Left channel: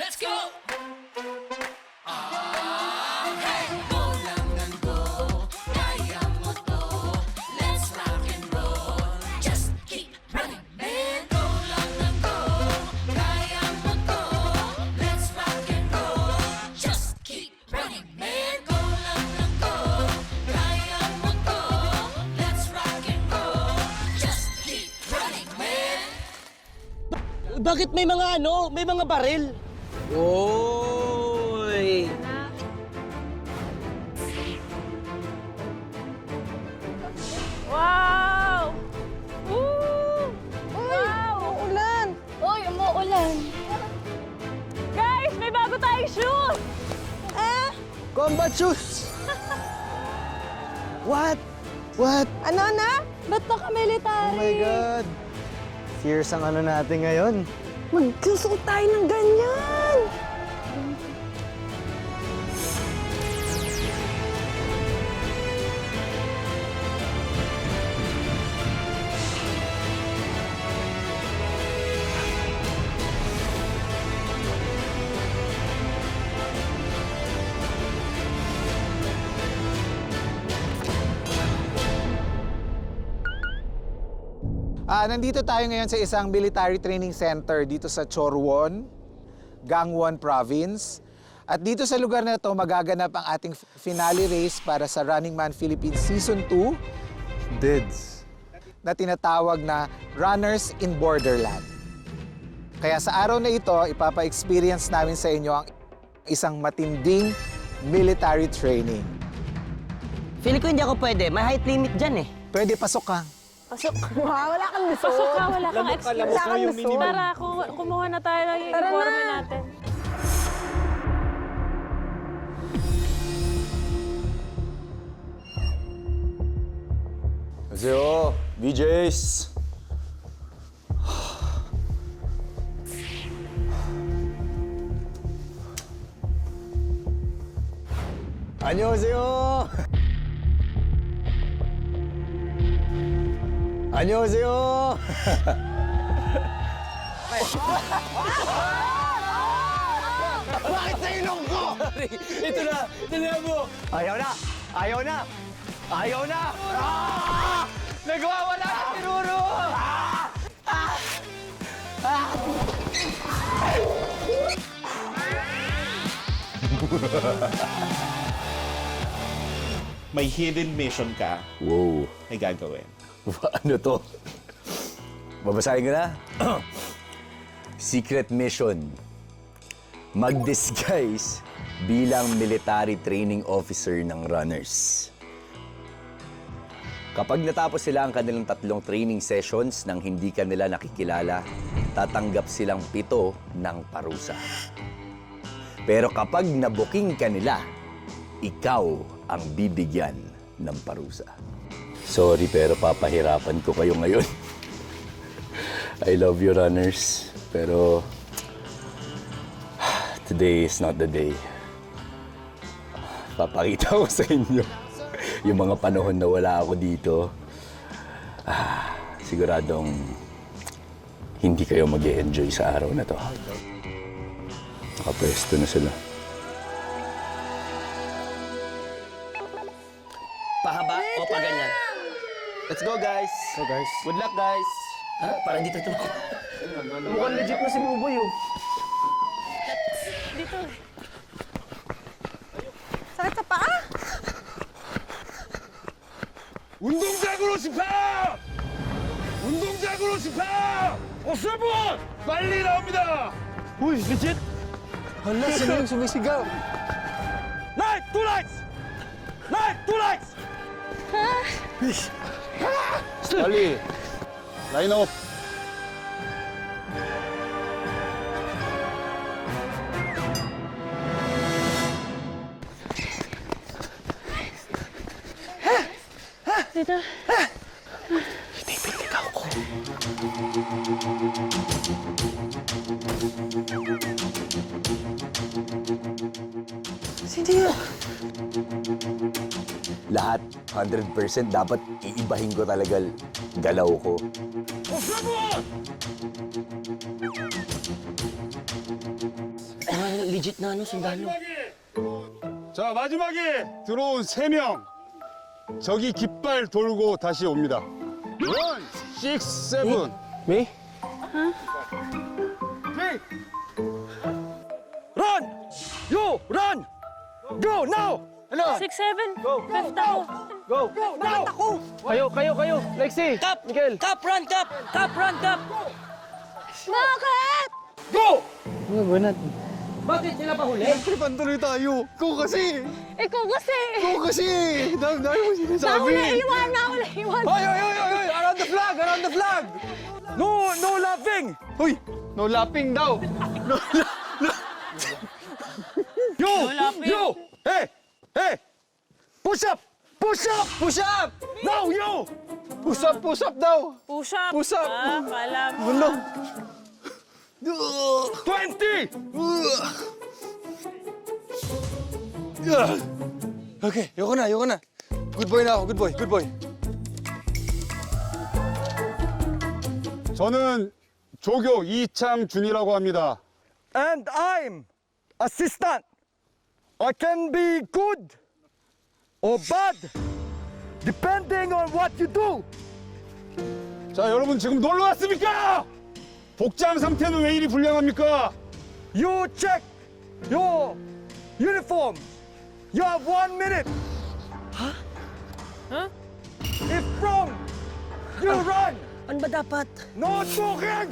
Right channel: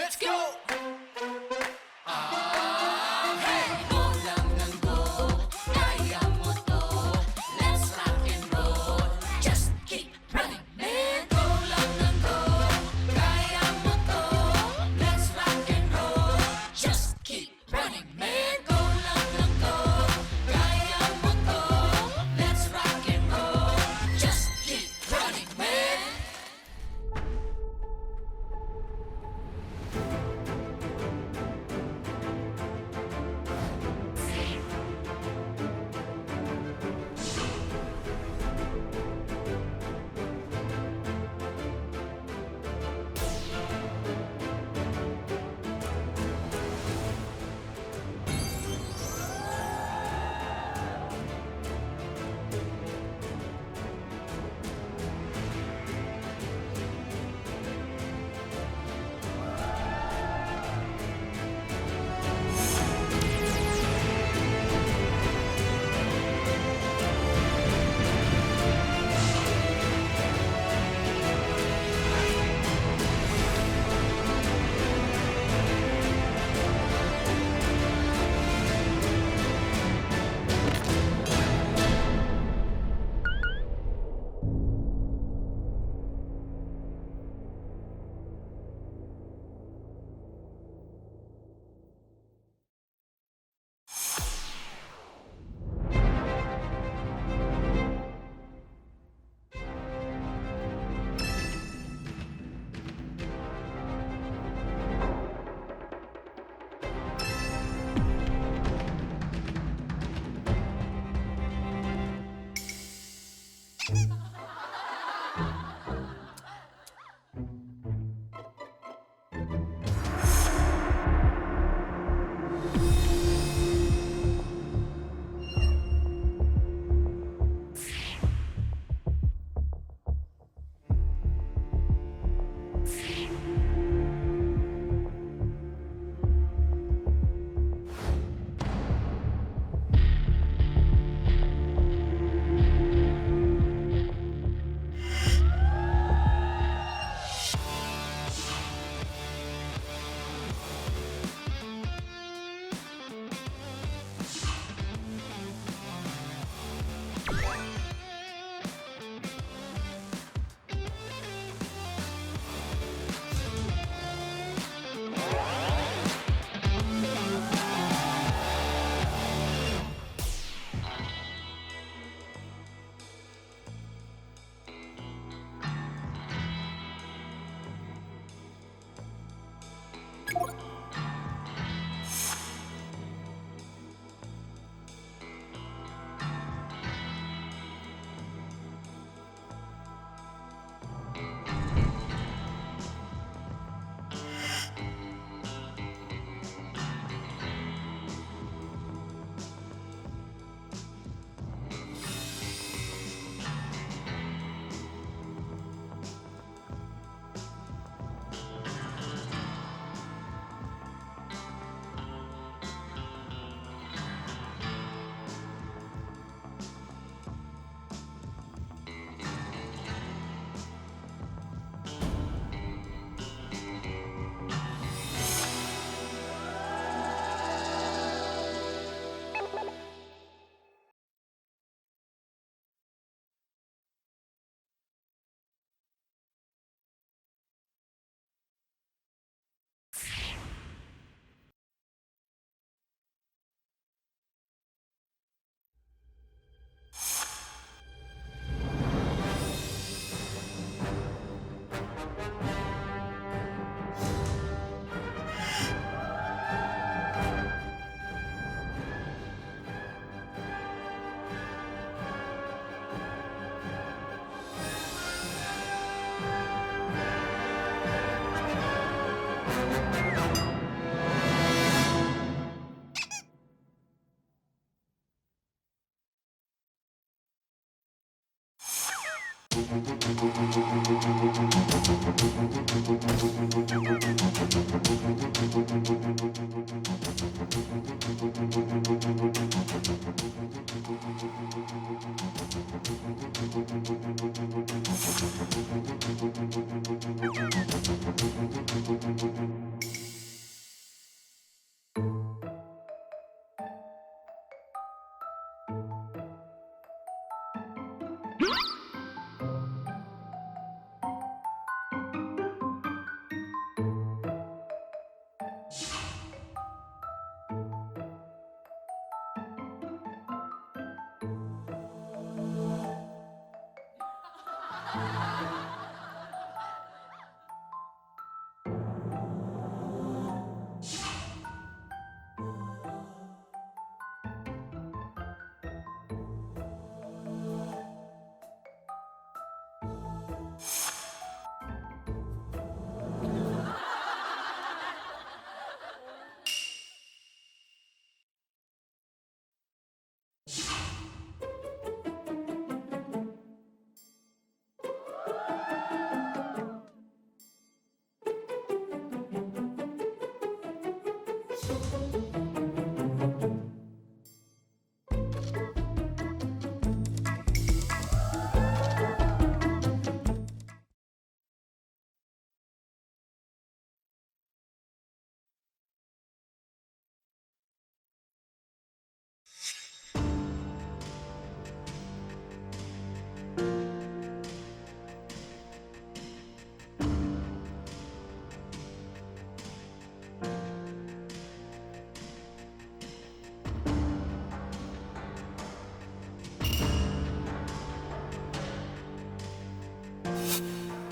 Let's go! Hey! Go lang ng go, kaya mo to. Let's rock and roll. Just keep running, man. Go lang ng go, kaya mo to. Let's rock and roll. Just keep running, man. Go lang ng go, kaya mo to. Let's rock and roll. Just keep running, man. Bakit may mga may mga baril? Oy! Wow! Woo! Wow! Ulan! Uy, umuulan. Guys, may bago tayong shoes! Combat shoes! What? What? Ano na? Ba't Oh naka-military? my God! Fierce ang ano natin ngayon. Magsusuot tayo ng ganyan! Nandito tayo ngayon sa isang military training center dito sa Chorwon, Gangwon Province. At dito sa lugar na ito, magaganap ang ating finale race para sa Running Man Philippines Season 2 Bids. na tinatawag na Runners in Borderland. Kaya sa araw na ito, ipapa-experience namin sa inyo ang isang matinding military training. Feeling ko hindi ako pwede. May height limit dyan eh. Pwede, pasok ka. Pasok. Wow, wala kang gusto. Wala kang extra. Wala kang gusto. Tara, kumuha na tayo ng uniforme natin. 안녕하세요, VJs. 안녕하세요. 안녕하세요. Ito na mo! Ayaw na! Ayaw na! Ayaw na! Ah! Nagwawala ang tinuro! May hidden mission ka, Wow. may gagawin. Ano to? Babasahin ko na? Secret mission. Mag-disguise bilang military training officer ng runners. Kapag natapos sila ang kanilang 3 training sessions nang hindi ka nila nakikilala, tatanggap silang 7 ng parusa. Pero kapag nabuking ka nila, ikaw ang bibigyan ng parusa. Sorry, pero papahirapan ko kayo ngayon. I love you, runners. Pero today is not the day. Papakita ko sa inyo yung mga panahon na wala ako dito. Siguradong hindi kayo mag-e-enjoy sa araw na to. Nakapwesto na sila. Pahaba o pa ganyan? Let's go, guys! So guys, Good luck, guys! Ha? Parang dito ito. Mukhang legit na si Buboy, oh. Sakit sa paa? 운동장으로 집합! 운동장으로 집합! 없을 분! 빨리 나옵니다! hala, sino yung sumisigaw? Light! 2 lights! Light! 2 lights! Ali, line off. Dito. Sino yun? Lahat, 100% dapat iibahin ko talaga galaw ko. Legit na ano, sundalo. 자, 마지막에 들어온 3명. 저기 깃발 돌고 다시 옵니다. 1, 6, 7. Me? Run! You, run! Go, now! 6, 7, 5th ako. Bakit ako? Kayo. Lexi! Cap! Miguel! Cap, run, cap! Cap, run, cap! Bakit? Go! Bakit sila pa huli? Pantuloy tayo. Go kasi! Ikaw kasi. Go kasi! Dami mo sinasabi. Naiwan. Hoy! Around the flag! Around the flag! No laughing! Hoy! No lapping daw. You! Hey! Push up! Push up! Push up! Now, you! Push up daw. Push up. Push up. Ah, pala. Ano? 20! Okay, yoko na. Good boy na ako, good boy. 저는 조교 이창준이라고 합니다. And I'm assistant. I can be good or bad depending on what you do. 자, 여러분 지금 놀러 왔습니까? 복장 상태는 왜 이리 불량합니까? You check your uniform. You have 1 minute. Huh? If wrong, you run. Ano ba dapat? No talking.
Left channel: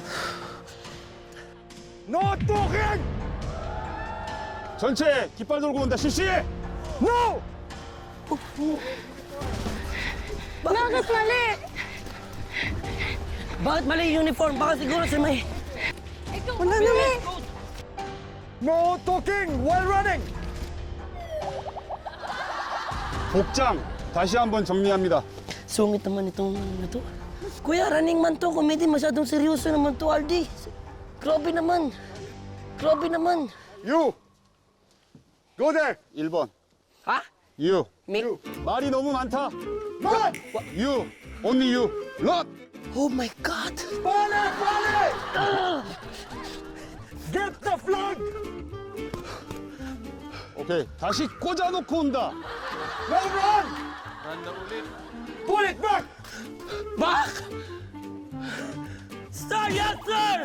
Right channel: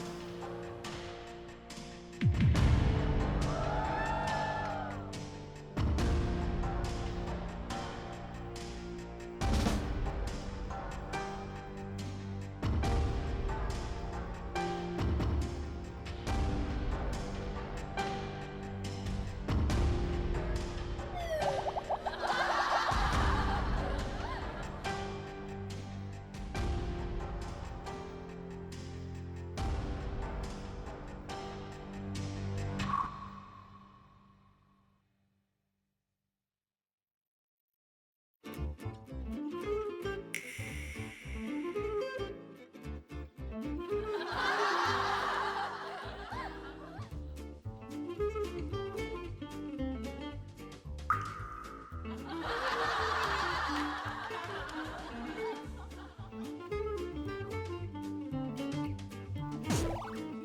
No talking. 전체 깃발 돌고 온다. 실시! No. Bakit mali? Bakit mali yung uniform? Baka siguro si may... Wala naman. No talking while running. 복장 다시 한번 정리합니다. Sungit naman itong ito. Kuya, running man to. Comedy, masyadong seryoso naman to, Aldi. Grabe naman. You! Go there! 1번. Ha? You. Me? 말이 너무 많다. You. Only you. Run! Oh my God. Get the flag. 오케이. 다시 꽂아놓고 온다. Pull it back. Back! Sir, yes, sir!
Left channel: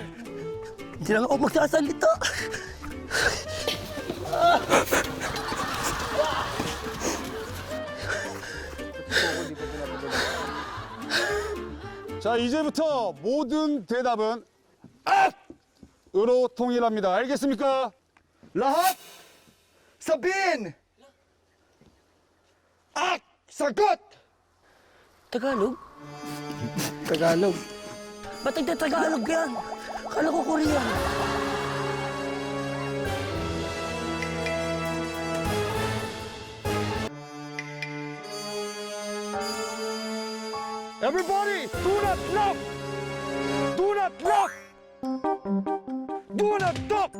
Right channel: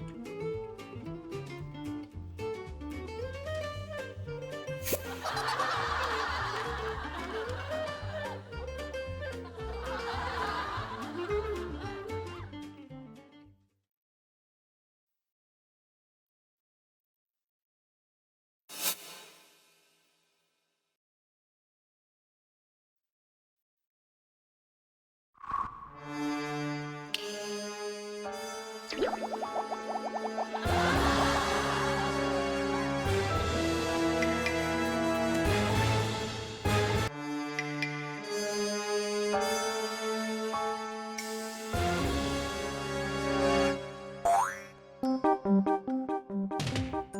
Hindi lang ako magsasalita. 자, 이제부터 모든 대답은 으로 통일합니다. 알겠습니까? Lahat. Sabihin. Sagot. Tagalog? Tagalog. Ba't nagtatagalog yan? Kala ko Korean. Everybody, do not look. Do not look. Do not talk.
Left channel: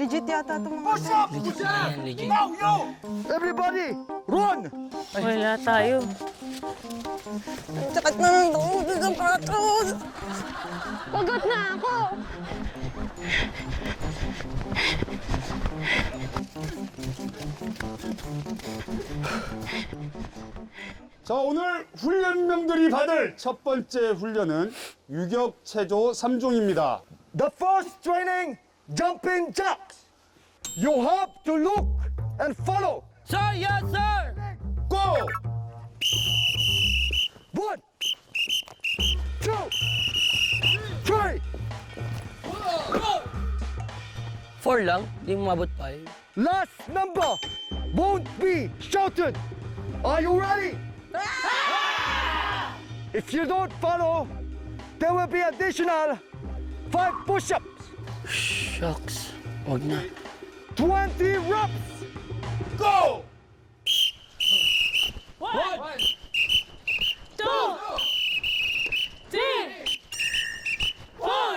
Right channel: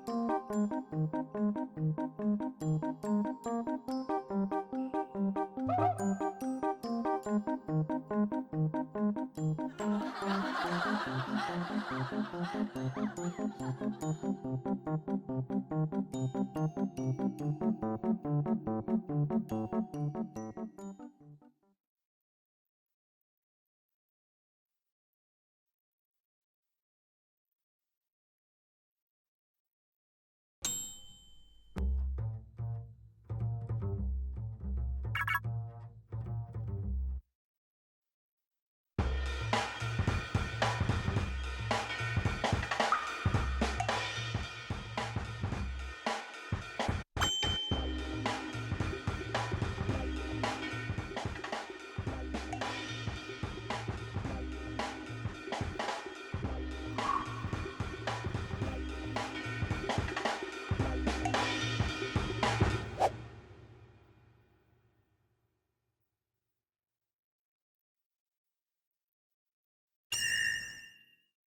Legit yata itong mga... Push up. Ayan, legit. Now, you. Everybody, run. Wala tayo. Sakit na ng tuhod ng patos. Pagod na ako. 자, 오늘 훈련병들이 받을 첫 번째 훈련은 유격 체조 3종입니다. The first training, jumping jacks. You have to look and follow. Sir, yes, sir! Go! 1, 2, 3. 4 lang? Hindi mo mabot pa yun. Last number won't be shouted. Are you ready? If you don't follow, there will be additional 5 push-ups, Shucks. Huwag na. 20 reps. Go! 1, 2, 3, 4,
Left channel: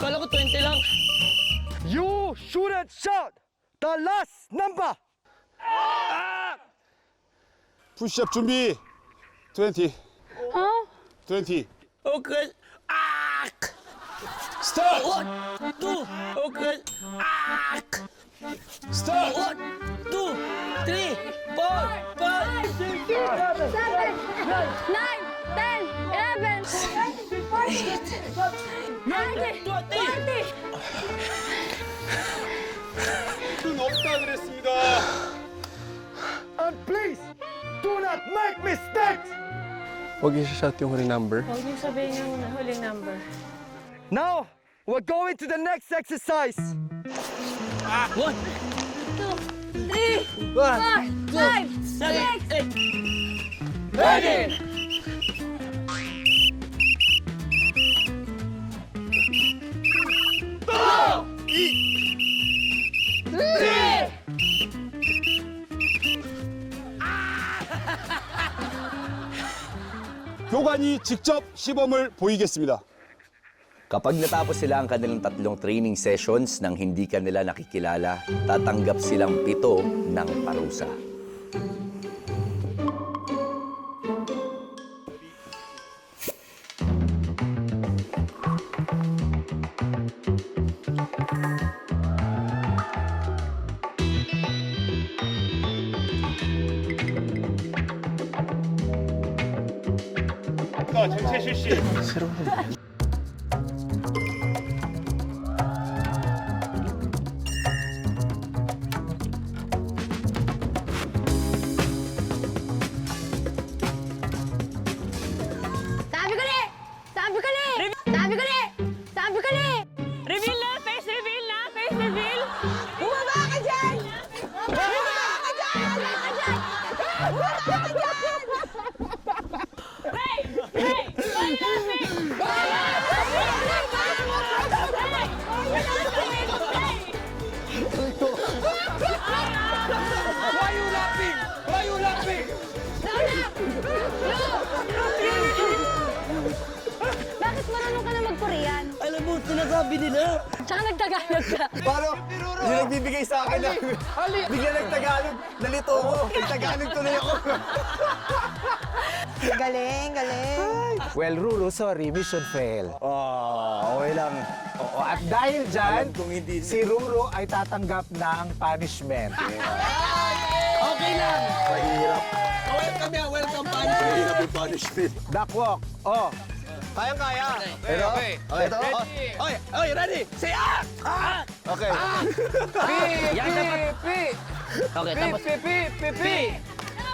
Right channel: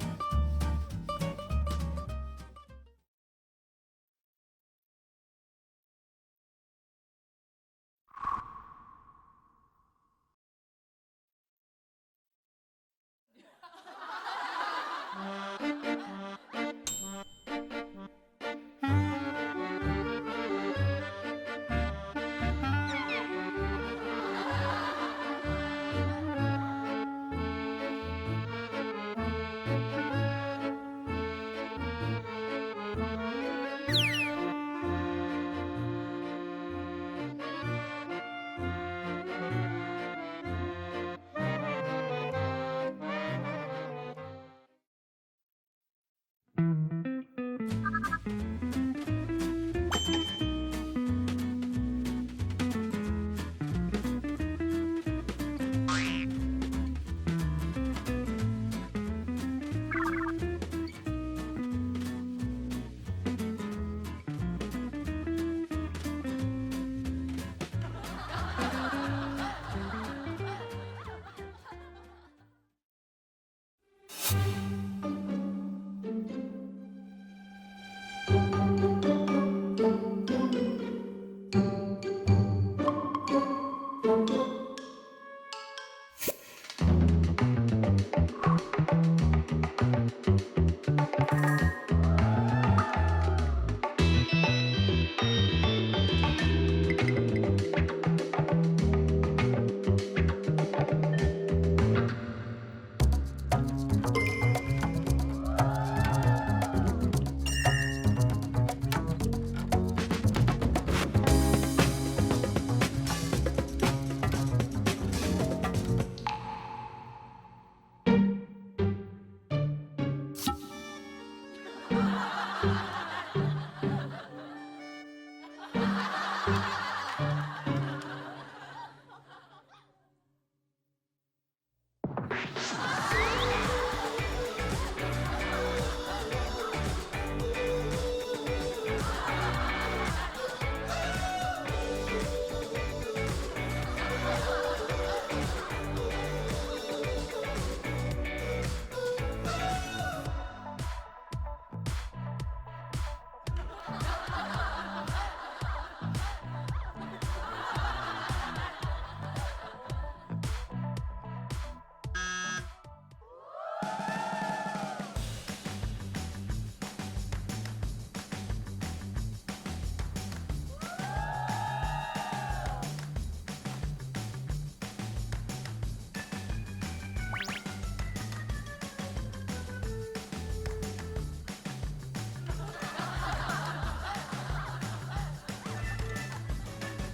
Kala ko 20 lang. You shouldn't shout the last number. 푸시업 준비. 20. 20. Okay. Ah! 스타트. 1, 2, okay. Ah! 스타트. 1, 2, 3, 4, 5, 6, 7, 9, 10, 11, 20. 너무 따뜻했습니다. And please, do not make mistakes. Huwag yung shout yung huli number. Now, we're going to the next exercise. 3, 4, 5, 6, Ready! 교관이 직접 시범을 보이겠습니다. Kapag natapos sila ang kanilang 3 training sessions nang hindi ka nila nakikilala, tatanggap silang 7 ng parusa. 최실 씨. Sabi ko ni! Sabi ko ni! Sabi ko ni! Sabi ko ni! Reveal na! Face reveal na! Face reveal! Bumaba ka dyan! Bumaba ka dyan! Bakit marunong ka na mag-Korean? Alam mo, sinasabi nila. Tsaka nagtagalog ka. Paano? Hindi nagbibigay sa akin na bigla nagtagalog. Nalito ko. Nagtagalog tuloy ako. Galing, galing. Well, Ruru, sorry, mission fail. Okay lang. At dahil dyan, si Ruru ay tatanggap ng punishment. Okay lang. Duckwalk. Oh, Kayang-kaya. pero, Ito. Oy, ready? Say ah! Ah! Okay. Okay, tapos. Pi!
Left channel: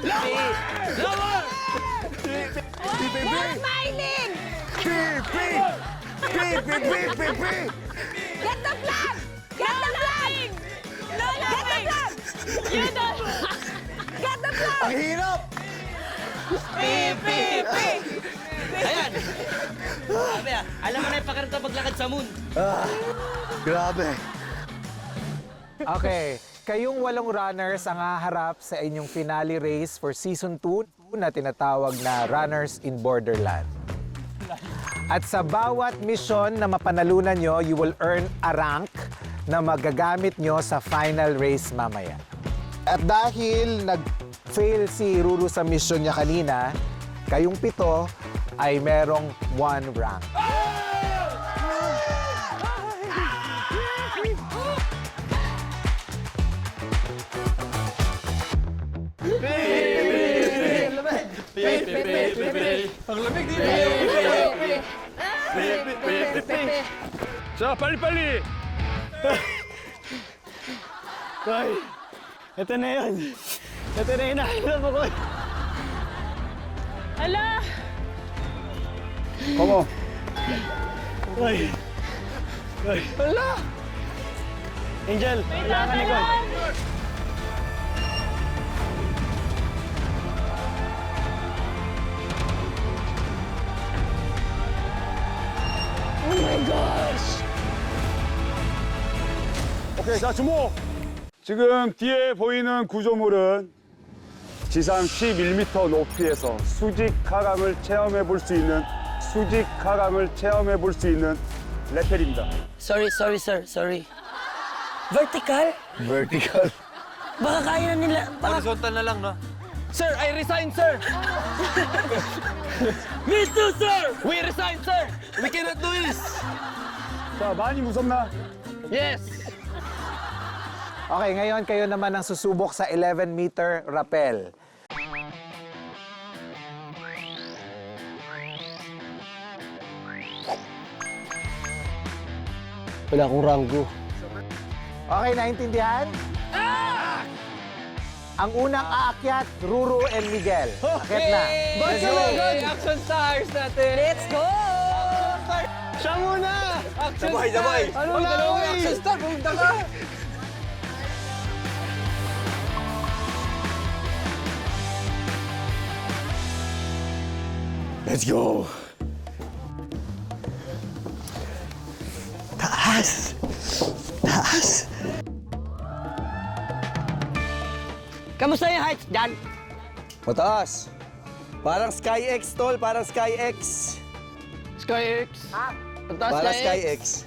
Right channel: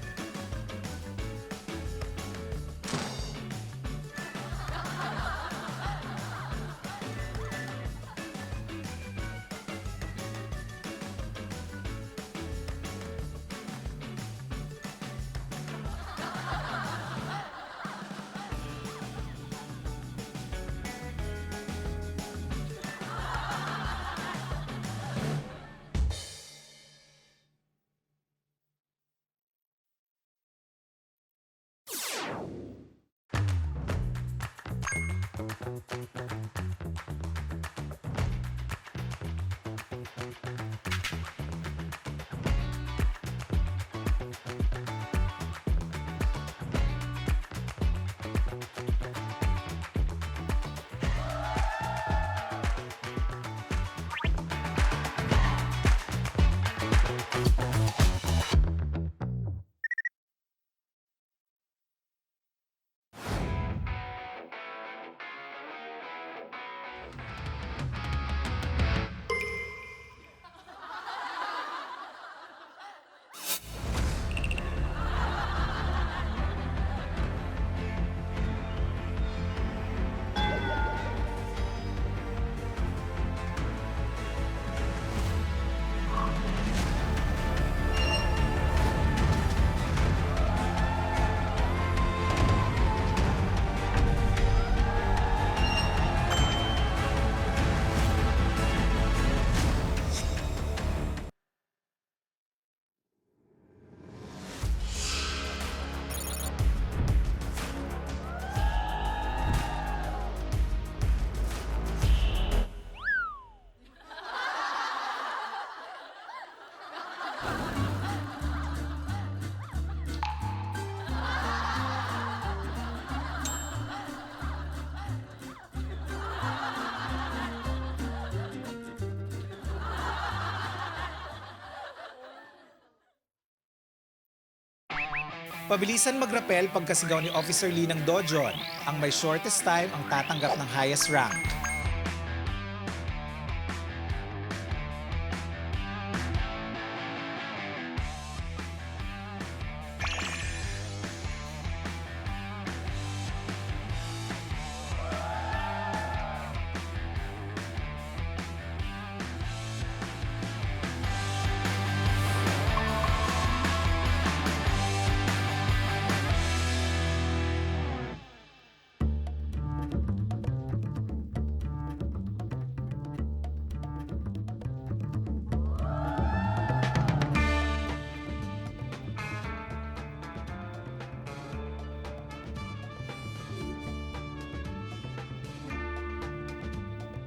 Lower! Huwag smiling! Get the flag! Get the flag! Get the flag! Get the flag! Ang hirap! Pi! Ayan! Sabi ah, alam mo na yung pakarito paglakad sa moon. Grabe. okay. Kayong 8 runners ang haharap sa inyong finale race for Season 2 na tinatawag na Runners in Borderland. At sa bawat mission na mapanalunan nyo, you will earn a rank na magagamit nyo sa final race mamaya. At dahil nag-fail si Ruru sa mission niya kanina, kayong 7 ay merong 1 rank. 자, 빨리빨리. Ay, ito na yun. Ito na yun. Nakakilala ko. Ala! 어머. Ay. Ay. Wala. Angel, kailangan ikaw. 오케이, 자, 주목. 지금 뒤에 보이는 구조물은 지상 11m 높이에서 수직 하강을 체험해 볼 수 있는 레펠입니다. Sorry, sir. Sorry. Vertical? Vertical. Baka kaya na nila. Baka... Horizontal na lang, no? Sir, I resign, sir! Me too, sir! We resign, sir! We cannot do this! 자, 많이 무섭나? Yes! Okay, ngayon kayo naman ang susubok sa 11-meter rappel. Pabilisan mag-rappel pagkasigaw ni Officer Lee ng Dojon. Ang may shortest time ang tatanggap ng highest rank. Wala akong ranggo. Okay, naintindihan? Ang unang aakyat, Ruru and Miguel. Akyat na. Let's go! Action stars natin! Let's go! Siya muna! Action sabay! Ano na? Action star! Punta ka! Let's go! Taas! Taas! Kamusta yung heights dyan? Mataas! Parang SkyX, tol. Parang SkyX. SkyX! Parang SkyX.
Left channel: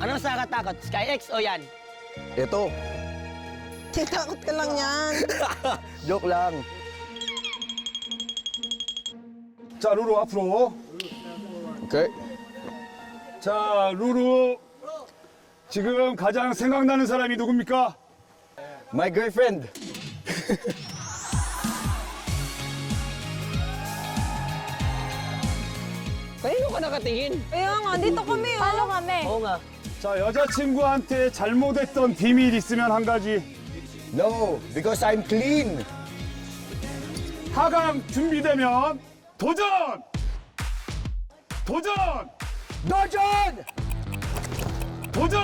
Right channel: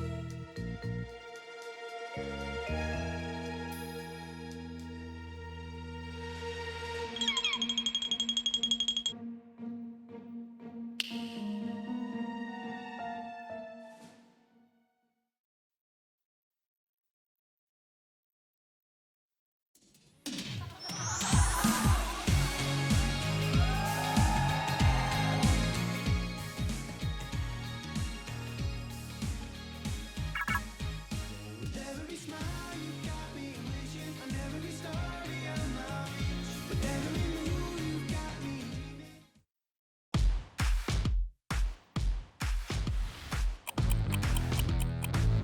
Ano mas nakakatakot? SkyX o yan? Ito. Takot ka lang yan. Joke lang. 자, 루루 앞으로. Okay. 자, 루루. 지금 가장 생각나는 사람이 누굽니까? My girlfriend. Kanino ka nakatingin? Kaya nga, dito kami, oh. Paano kami? Oo nga. 자, 여자친구한테 잘못했던 비밀 있으면 한 가지. No, because I'm clean. 하강 준비되면 도전! 도전! Dojon! 도전!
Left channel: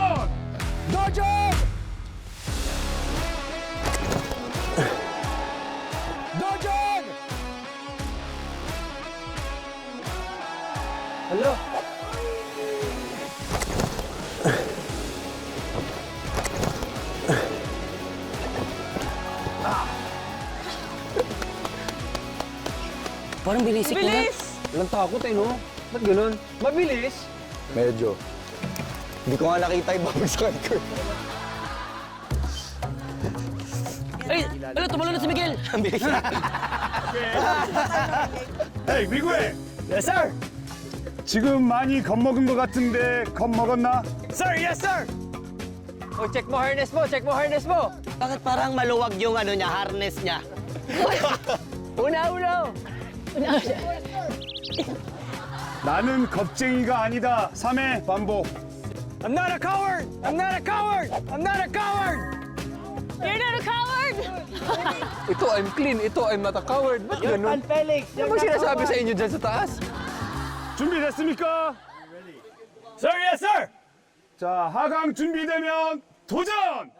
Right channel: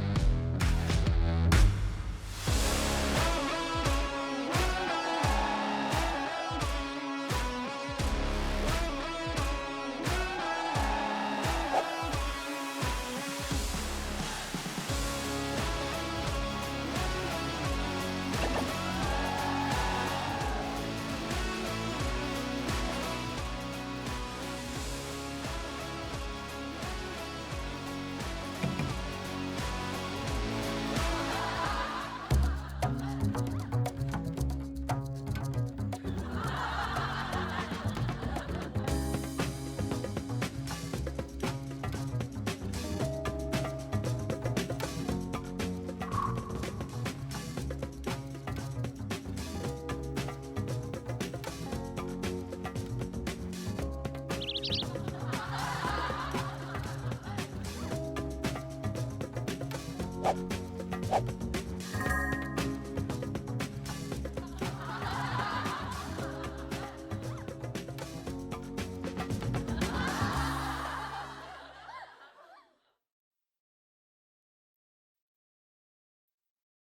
Dojon! Dojon! Hello? Parang bilisik na. Bilis! Walang takot eh, no? Ba't ganun? Mabilis? Medyo. Hindi ko nga nakita yung babagsakan ko. Ay! Ala, tumalo na si Miguel! Ang bilis na. 에이, 미구엘! Yes, sir! 지금 많이 겁먹은 것 같은데 겁먹었나? Sir, yes, sir! Oh, check mo harness mo, check mo harness mo! Bakit parang maluwag yung ano niya, harness niya? Una! 나는 겁쟁이가 아니다. 3회 반복. I'm not a coward! I'm not a coward! I'm not a coward! You're not a coward! Ito, I'm clean. Ito, I'm not a coward. Ba't ganun? Ano ba sinasabi sa inyo dyan sa taas? 준비됐습니까? Sir, yes, sir! 자, 하강 준비되면 도전!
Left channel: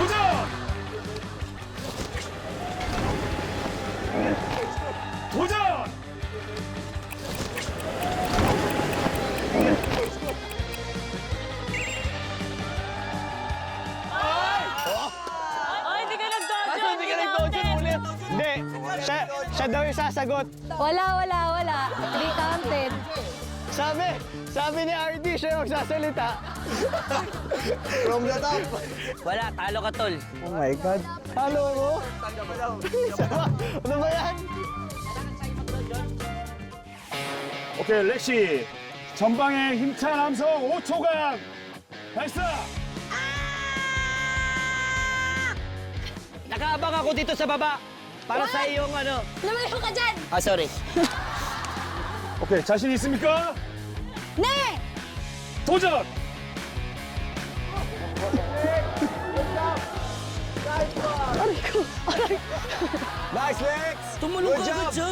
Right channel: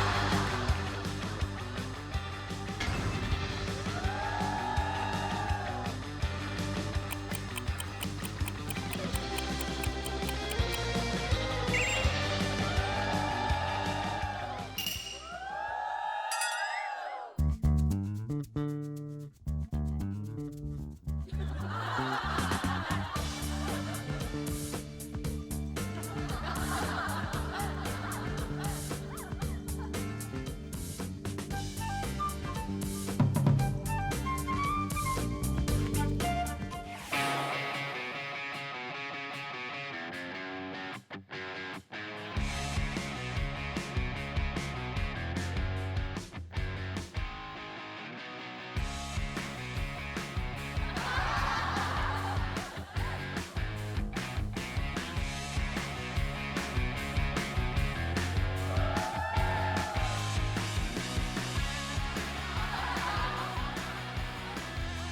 도전! 도전! Ay, di ka nag-dojo! Hindi ka nag-dojo ulit! Hindi, siya daw yung sasagot. Wala. Hindi counted. Sabi ni RD, siya yung magsasalita. From the top. Wala, talo ka, tol. Oh my God. Ano mo? Ano ba yan? 오케이, 렉시. 전방에 힘찬 함성 5초간 발사! Tumambak ako dito sa baba. Para sa iyong ano. Lumayo ka dyan! Ah, sorry. 오케이, 자신 있습니까? 네! 도전! Nice, Lex! Tumulong ka agad siya.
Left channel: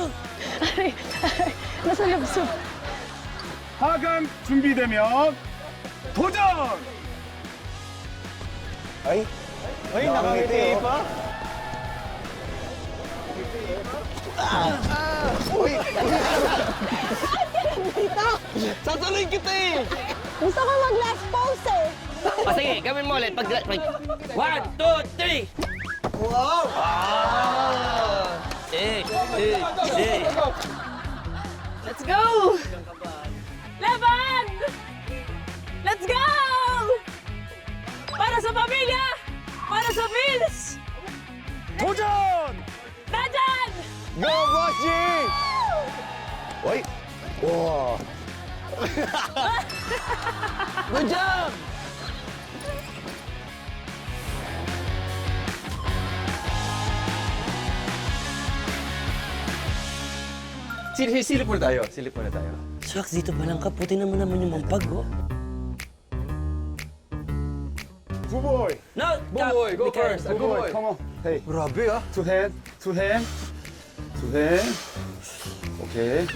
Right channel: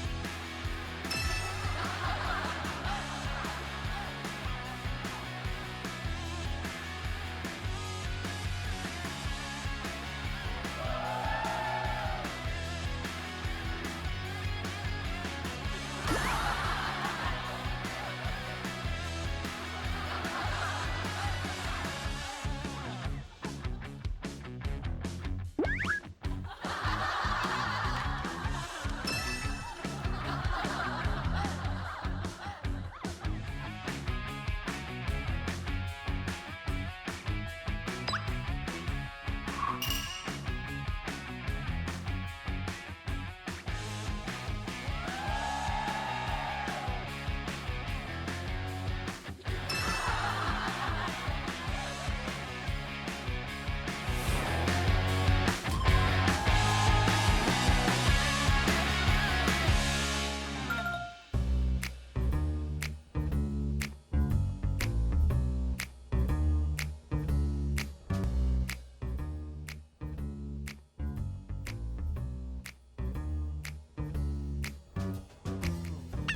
하강 준비되면 도전! Ay, nakangiti pa. Tatuloy kita eh. Gusto ko mag-last pose eh! Ah, sige, gawin mo ulit. 1, 2, 3. Wow! Let's go! Laban! Let's go! Para sa pamilya! Para sa Vince! 도전! Dajan! Go, Boss G! Wait. Wow. Good job! Silip muna tayo. Silip muna tayo. Shucks, dito pa lang ka. Puti naman yung mampag, oh. 부보이! No, Buboy, go Mikael. first. Go boy. Come on. Hey, Grabe ah. two hand, two hand, two hand. 오케이.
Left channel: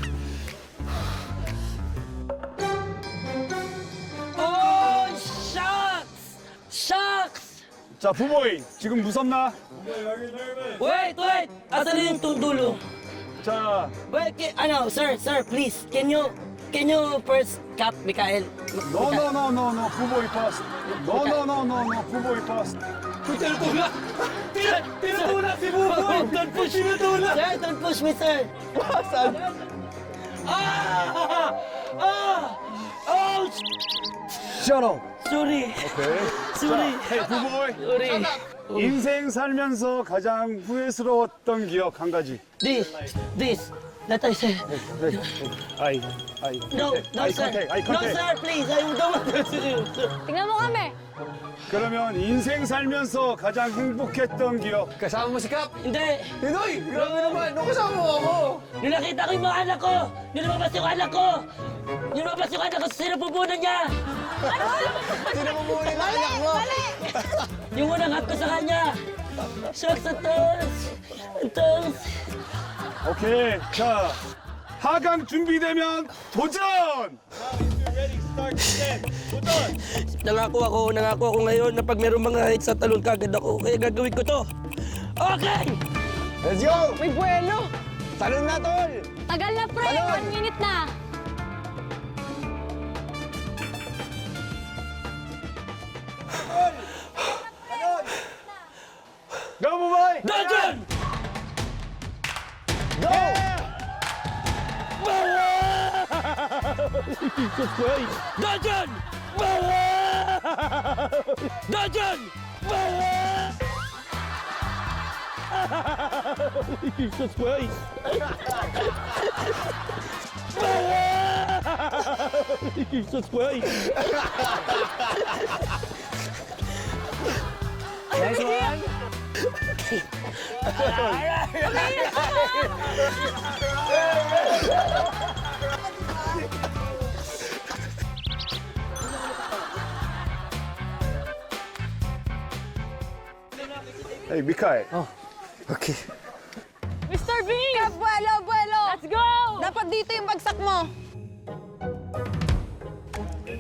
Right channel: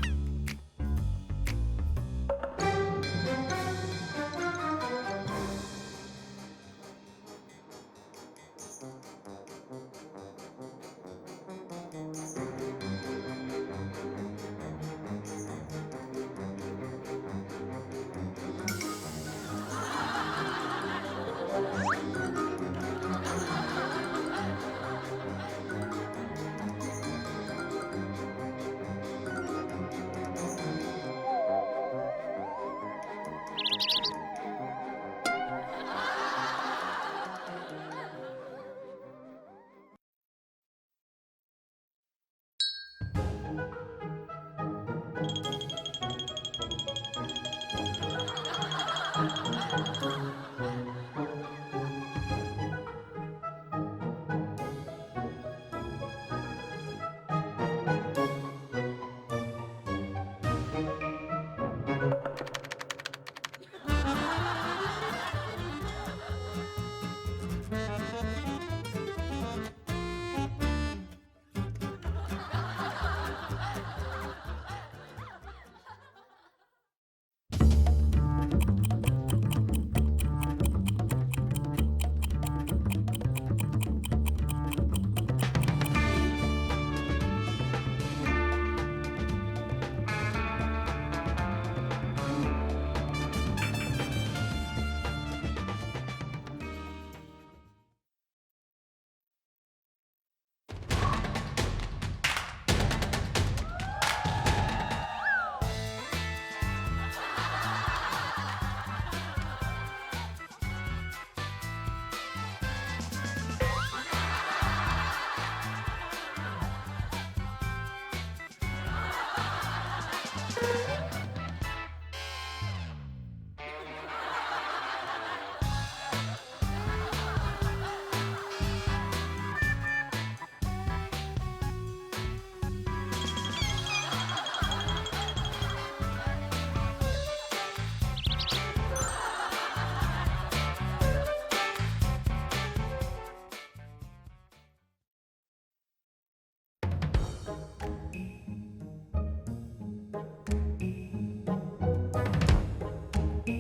Oh, shucks! Shucks! 자, 부보이, 지금 무섭나? Wait! Asan na yung dulo? 자, Wait, sir, please. Can you first cap, Mikael? no, 부보이 first. No, 부보이 first. Don't push me, sir, don't push me, sir. Oh, Shut up. sorry. Sorry. Hey, 부보이. Sorry. 인생 살면서 가장 후회스러웠던 기억 한 가지. This, that I said. 아이. No, 아이 sir. 컨택, 아이 No, 컨택. sir, please. I don't want to. Tingnan mo kami! 그러면 인생 살면서 가장 행복했던 기억. Kasama mo si Cap. Hindi. Pinoy! Grabe naman! Nung kasama mo ako! Nung nakita ko yung mga anak ko, nung lumabas yung anak ko, sino pupunan niya? Mali! Yung unang hap ko sa kanya. Shucks, ang 오케이. 자, 하강 준비되면 도전! Nangako ako ngayon na pag meron mga hits sa talon kagad ako. Kaya gagawin ko to. Okay! Let's go! May buwelo! Talon na, tol! Tagal na, pre! 1 minute na! Go, 부보이! Dojon! Dojon! Dojon! Jesus Christ! Jesus Christ! Hey, 미카엘. Okay. Mr. Bean! Kap, buwelo! Let's go! Dapat dito yung bagsak mo!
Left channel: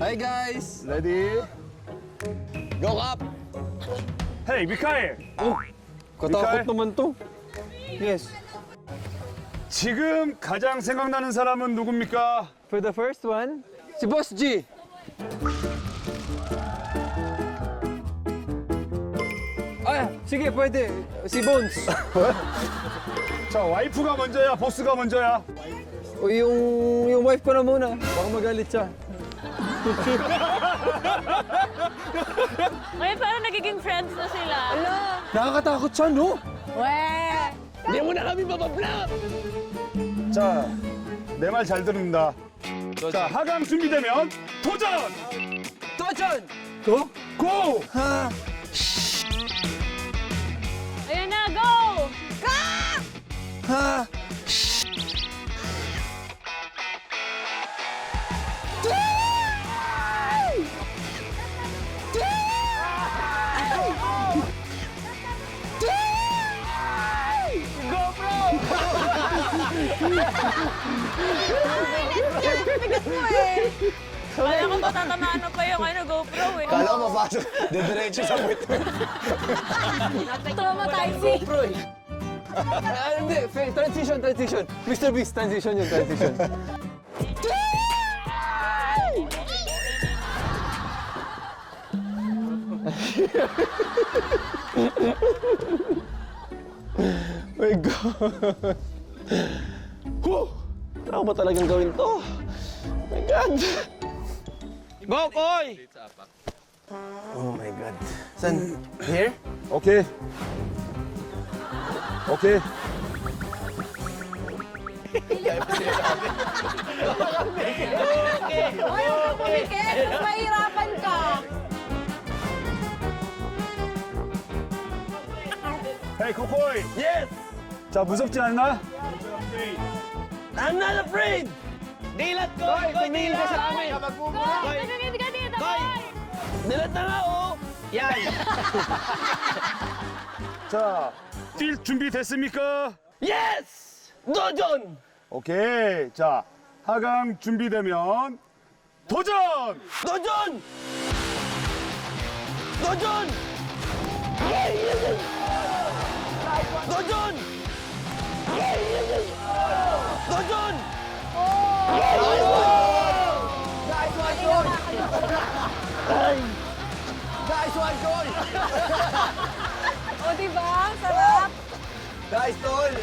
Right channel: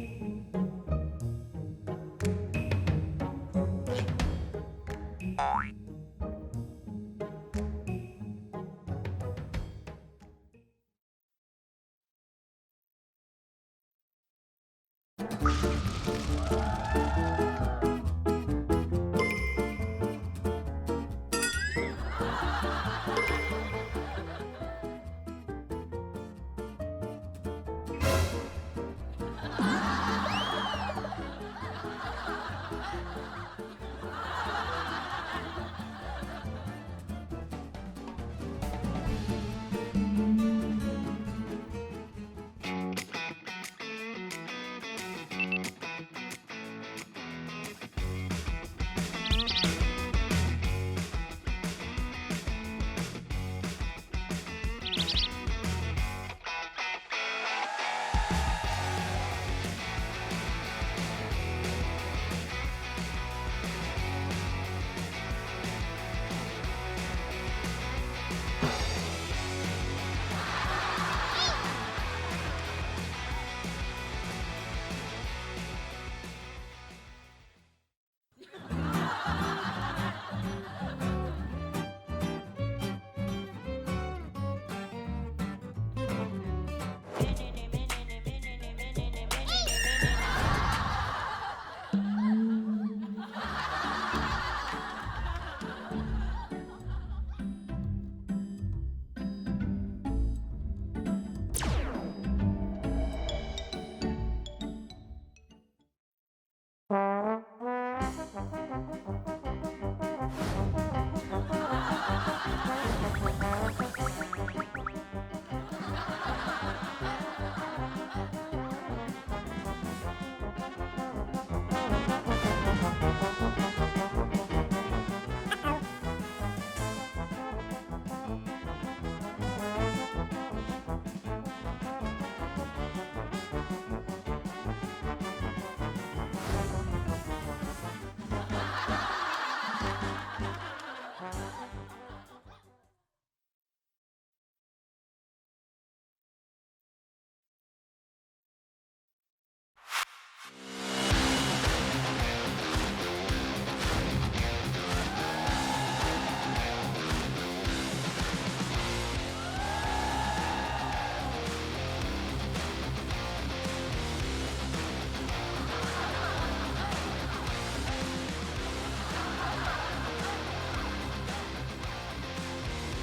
Hi guys! Ready? Go Cap! Hey, 미카엘. Katakot Mikael? naman to. Yes. 지금 가장 생각나는 사람은 누굽니까? For the first one, si Boss G. Sige, pwede. Si Bones. 자, 와이프가 먼저야, 보스가 먼저야? O yung wife ko na muna. Baka magalit siya. Ngayon parang nagiging friends na sila. Nakakatakot siya, no? Weh! Hindi mo na kami mababla! 자, 내 말 잘 듣는다. 자, 하강 준비되면 도전! Dojon! 고! Ayun na, go! Kaya ko matatamaan na pa yung GoPro eh. Kala ko mapasok. Didiretso sa puwet. Traumatizing. Hindi, transition. Mr. Beast, transition yun, transition. My God! Whew! Kailangan ba talagang gawin to? My God! Go, Koy! Oh my God. San? Here? 오케이. 오케이. Ayaw ka pumikit. Mas mahirapan ka. 헤이 코코이. Yes! 자 무섭지 않나? I'm not afraid! Dilat ko! Koy, dilat ka sa amin! Koy, ganito ka dito, Koy! Dilat na nga, oh! Yan! 자, 뛸 준비 됐습니까? Yes! 도전! 오케이. 자, 하강 준비되면 도전! 도전! 도전! 도전! 도전! O, diba? Sarap. Guys, tol!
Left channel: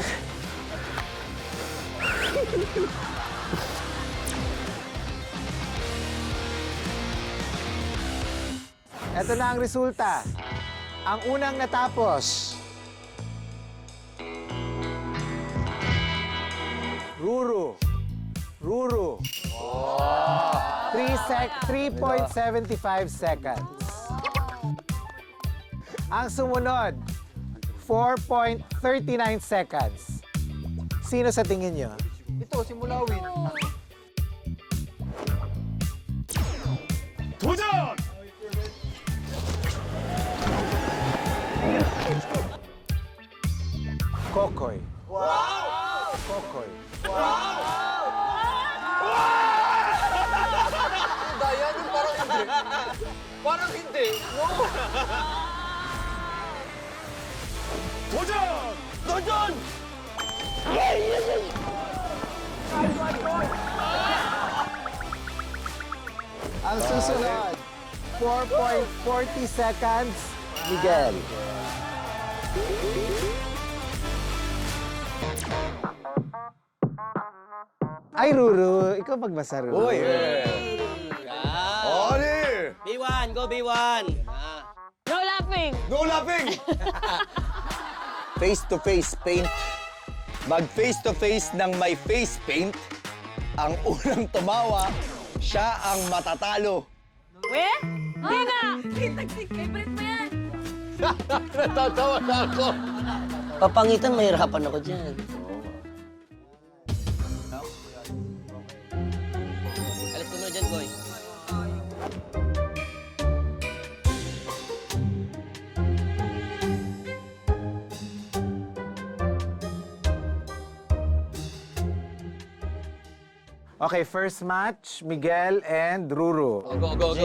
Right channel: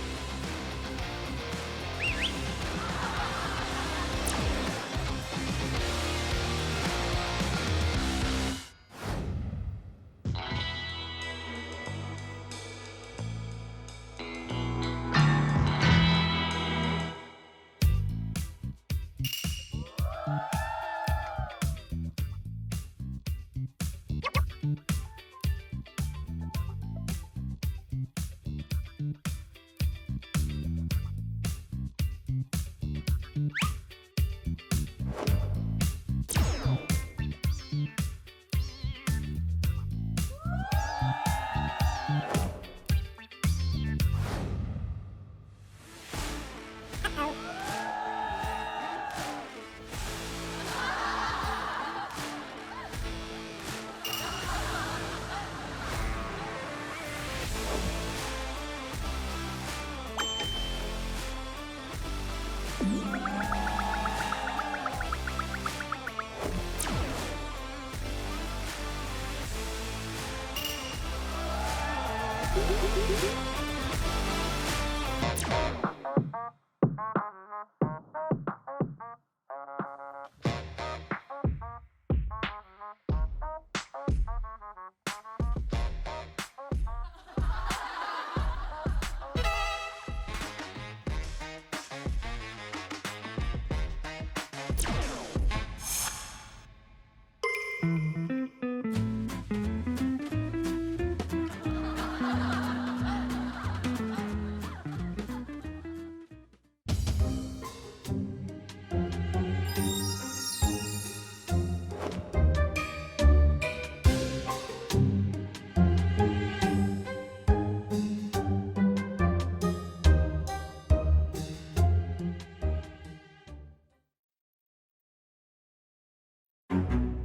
Ito na ang resulta. Ang unang natapos, Ruru. 3.75 seconds. Ang sumunod, 4.39 seconds. Sino sa tingin nyo? 도전! Kokoy. Kokoy. Parang hindi. 도전! 도전! Ang susunod, 4.40 seconds, Miguel. Ay, Ruru, ikaw magbasa, Ruru. Uy! Oli! B1, go B1! No laughing! No laughing! Face-to-face paint. Mag face-to-face ng may face paint. Ang unang tumawa, siya ang matatalo. Eh? Hindi na! Favorite mo yan! Natatawa na ako. Papangitan, mahirapan ako dyan. Alas mo dyan, boy. Okay, first match, Miguel and Ruru. Go.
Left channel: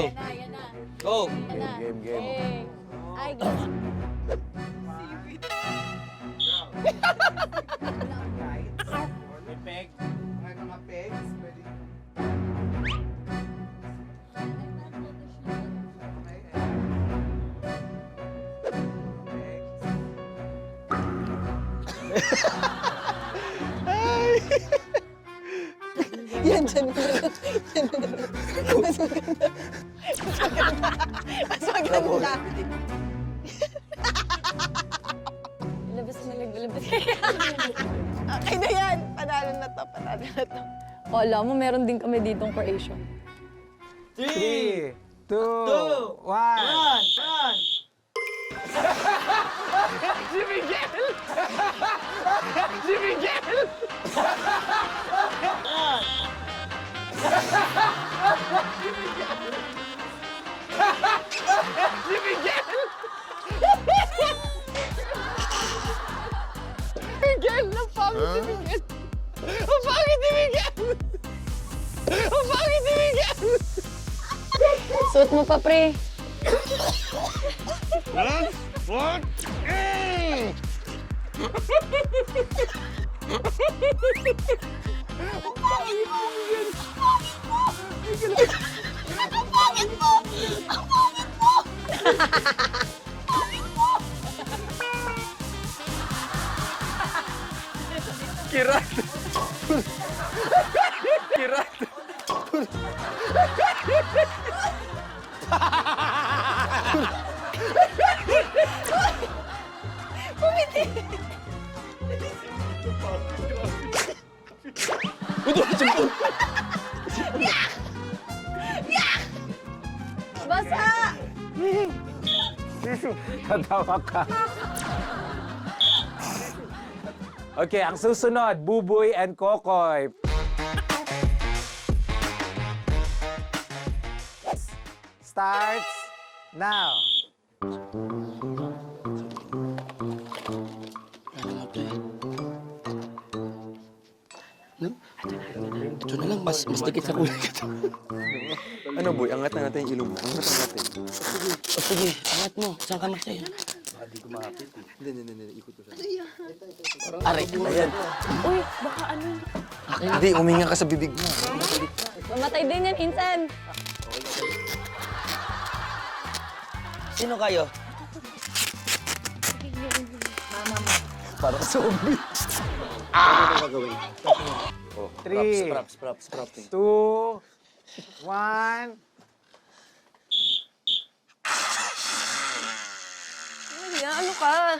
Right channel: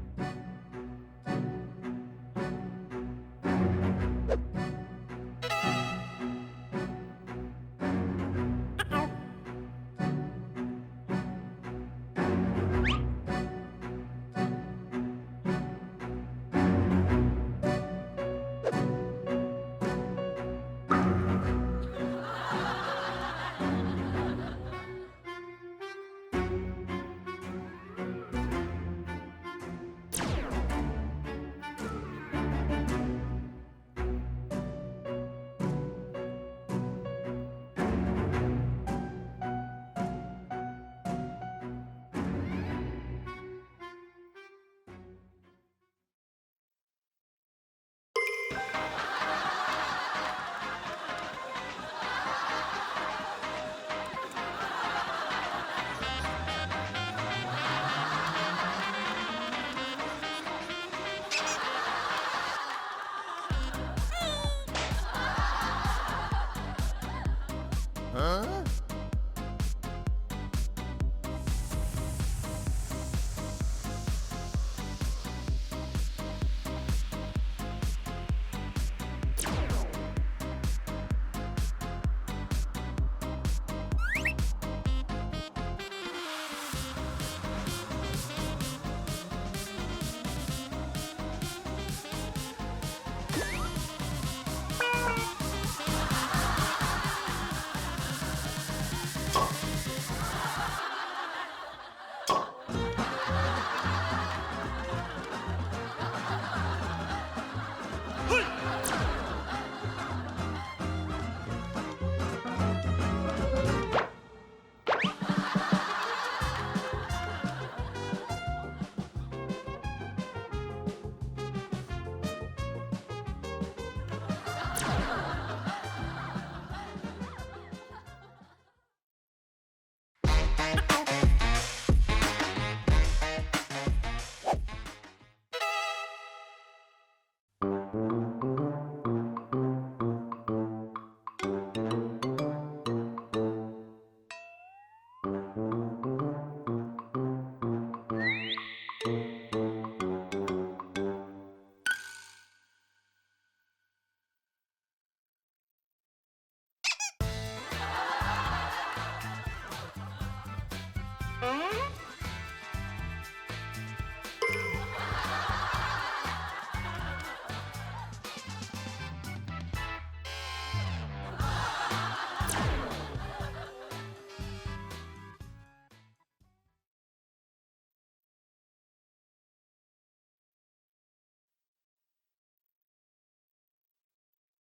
Go! Game. Ay, ganyan. Yan, dyan. Mas maganda. Mas maganda. Labas na labas. Okay na yan. Panalo na to. Wala mo, meron din kami ditong Croatian. 3, 2, 1. Suot mo pa, pre. Basa! Tatawa ka. Okay, ang susunod, Buboy and Kokoy. Starts now. Ito na lang, mas dikit sa kulay. Ano boy, angat na natin yung ilong mo. Angat na natin. O sige, angat mo. Saan ka matay? Hindi, ikot ko siya. Aray, ayan. Uy, baka ano? Hindi, huminga ka sa bibig mo. Mamatay din yan, Insan. Sino kayo? Parang zombie. Three, Props. 2, 1. Ano ka?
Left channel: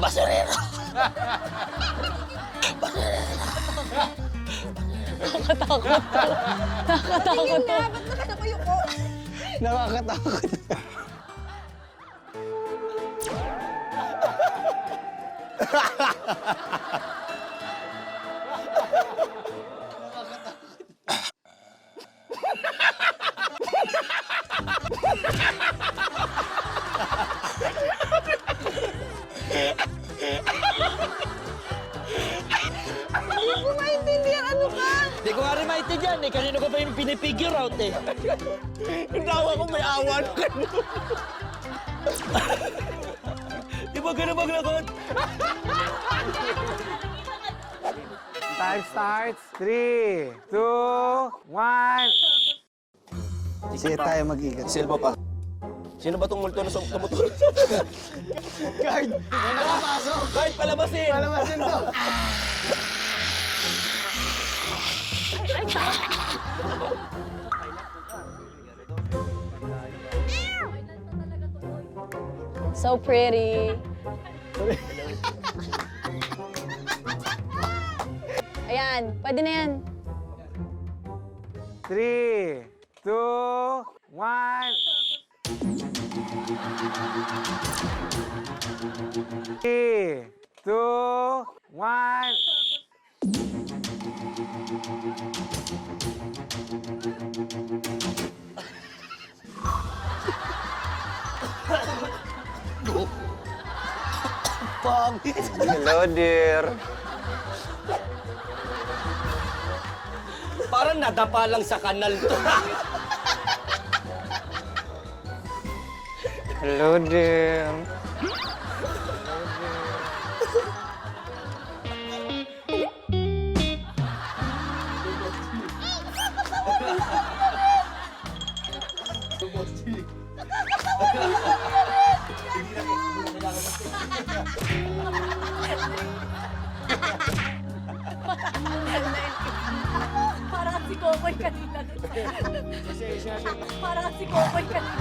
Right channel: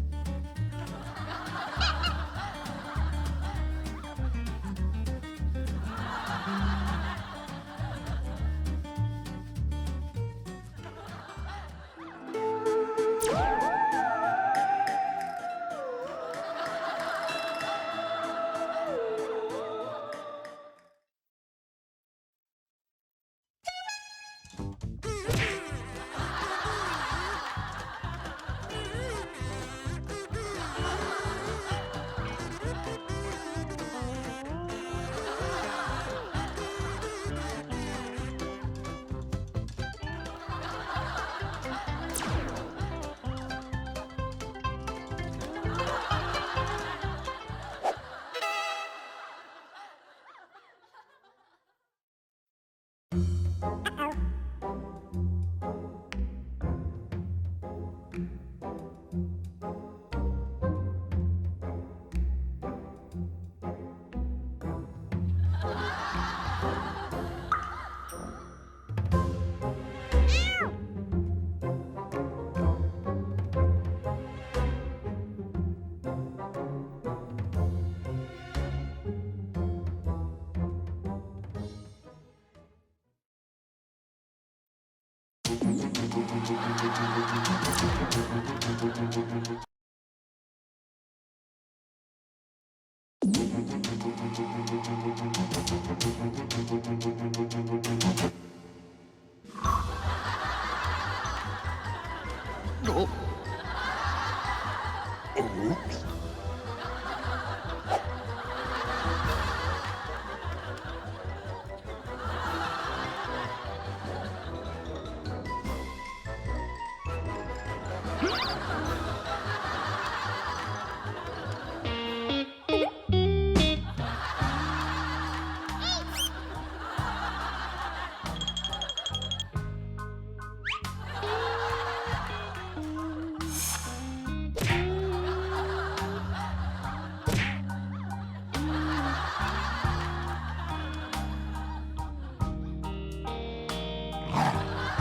Basurero! Nakatakot. Nakatakot. Nakakatakot. Hindi ko nga rin maintindihan eh. Kanino ko ba yung pinipigure out eh? Yung tawa ko may awa na kanino. Di ba ganun maglakot? Time starts. 3, 2, 1. Sige tayo mag-igat. Silva pa. Sino ba tong multo na tumutulog? Guard! Guard, palabasin! Palabasin to! So pretty. Ayan, pwede na yan. 3, 2, 1. 3, 2, 1. Hello, dear. Parang nadapa lang sa kanal to. Hello, dear. Parang si Kokoy kanina. Parang si Kokoy kanina.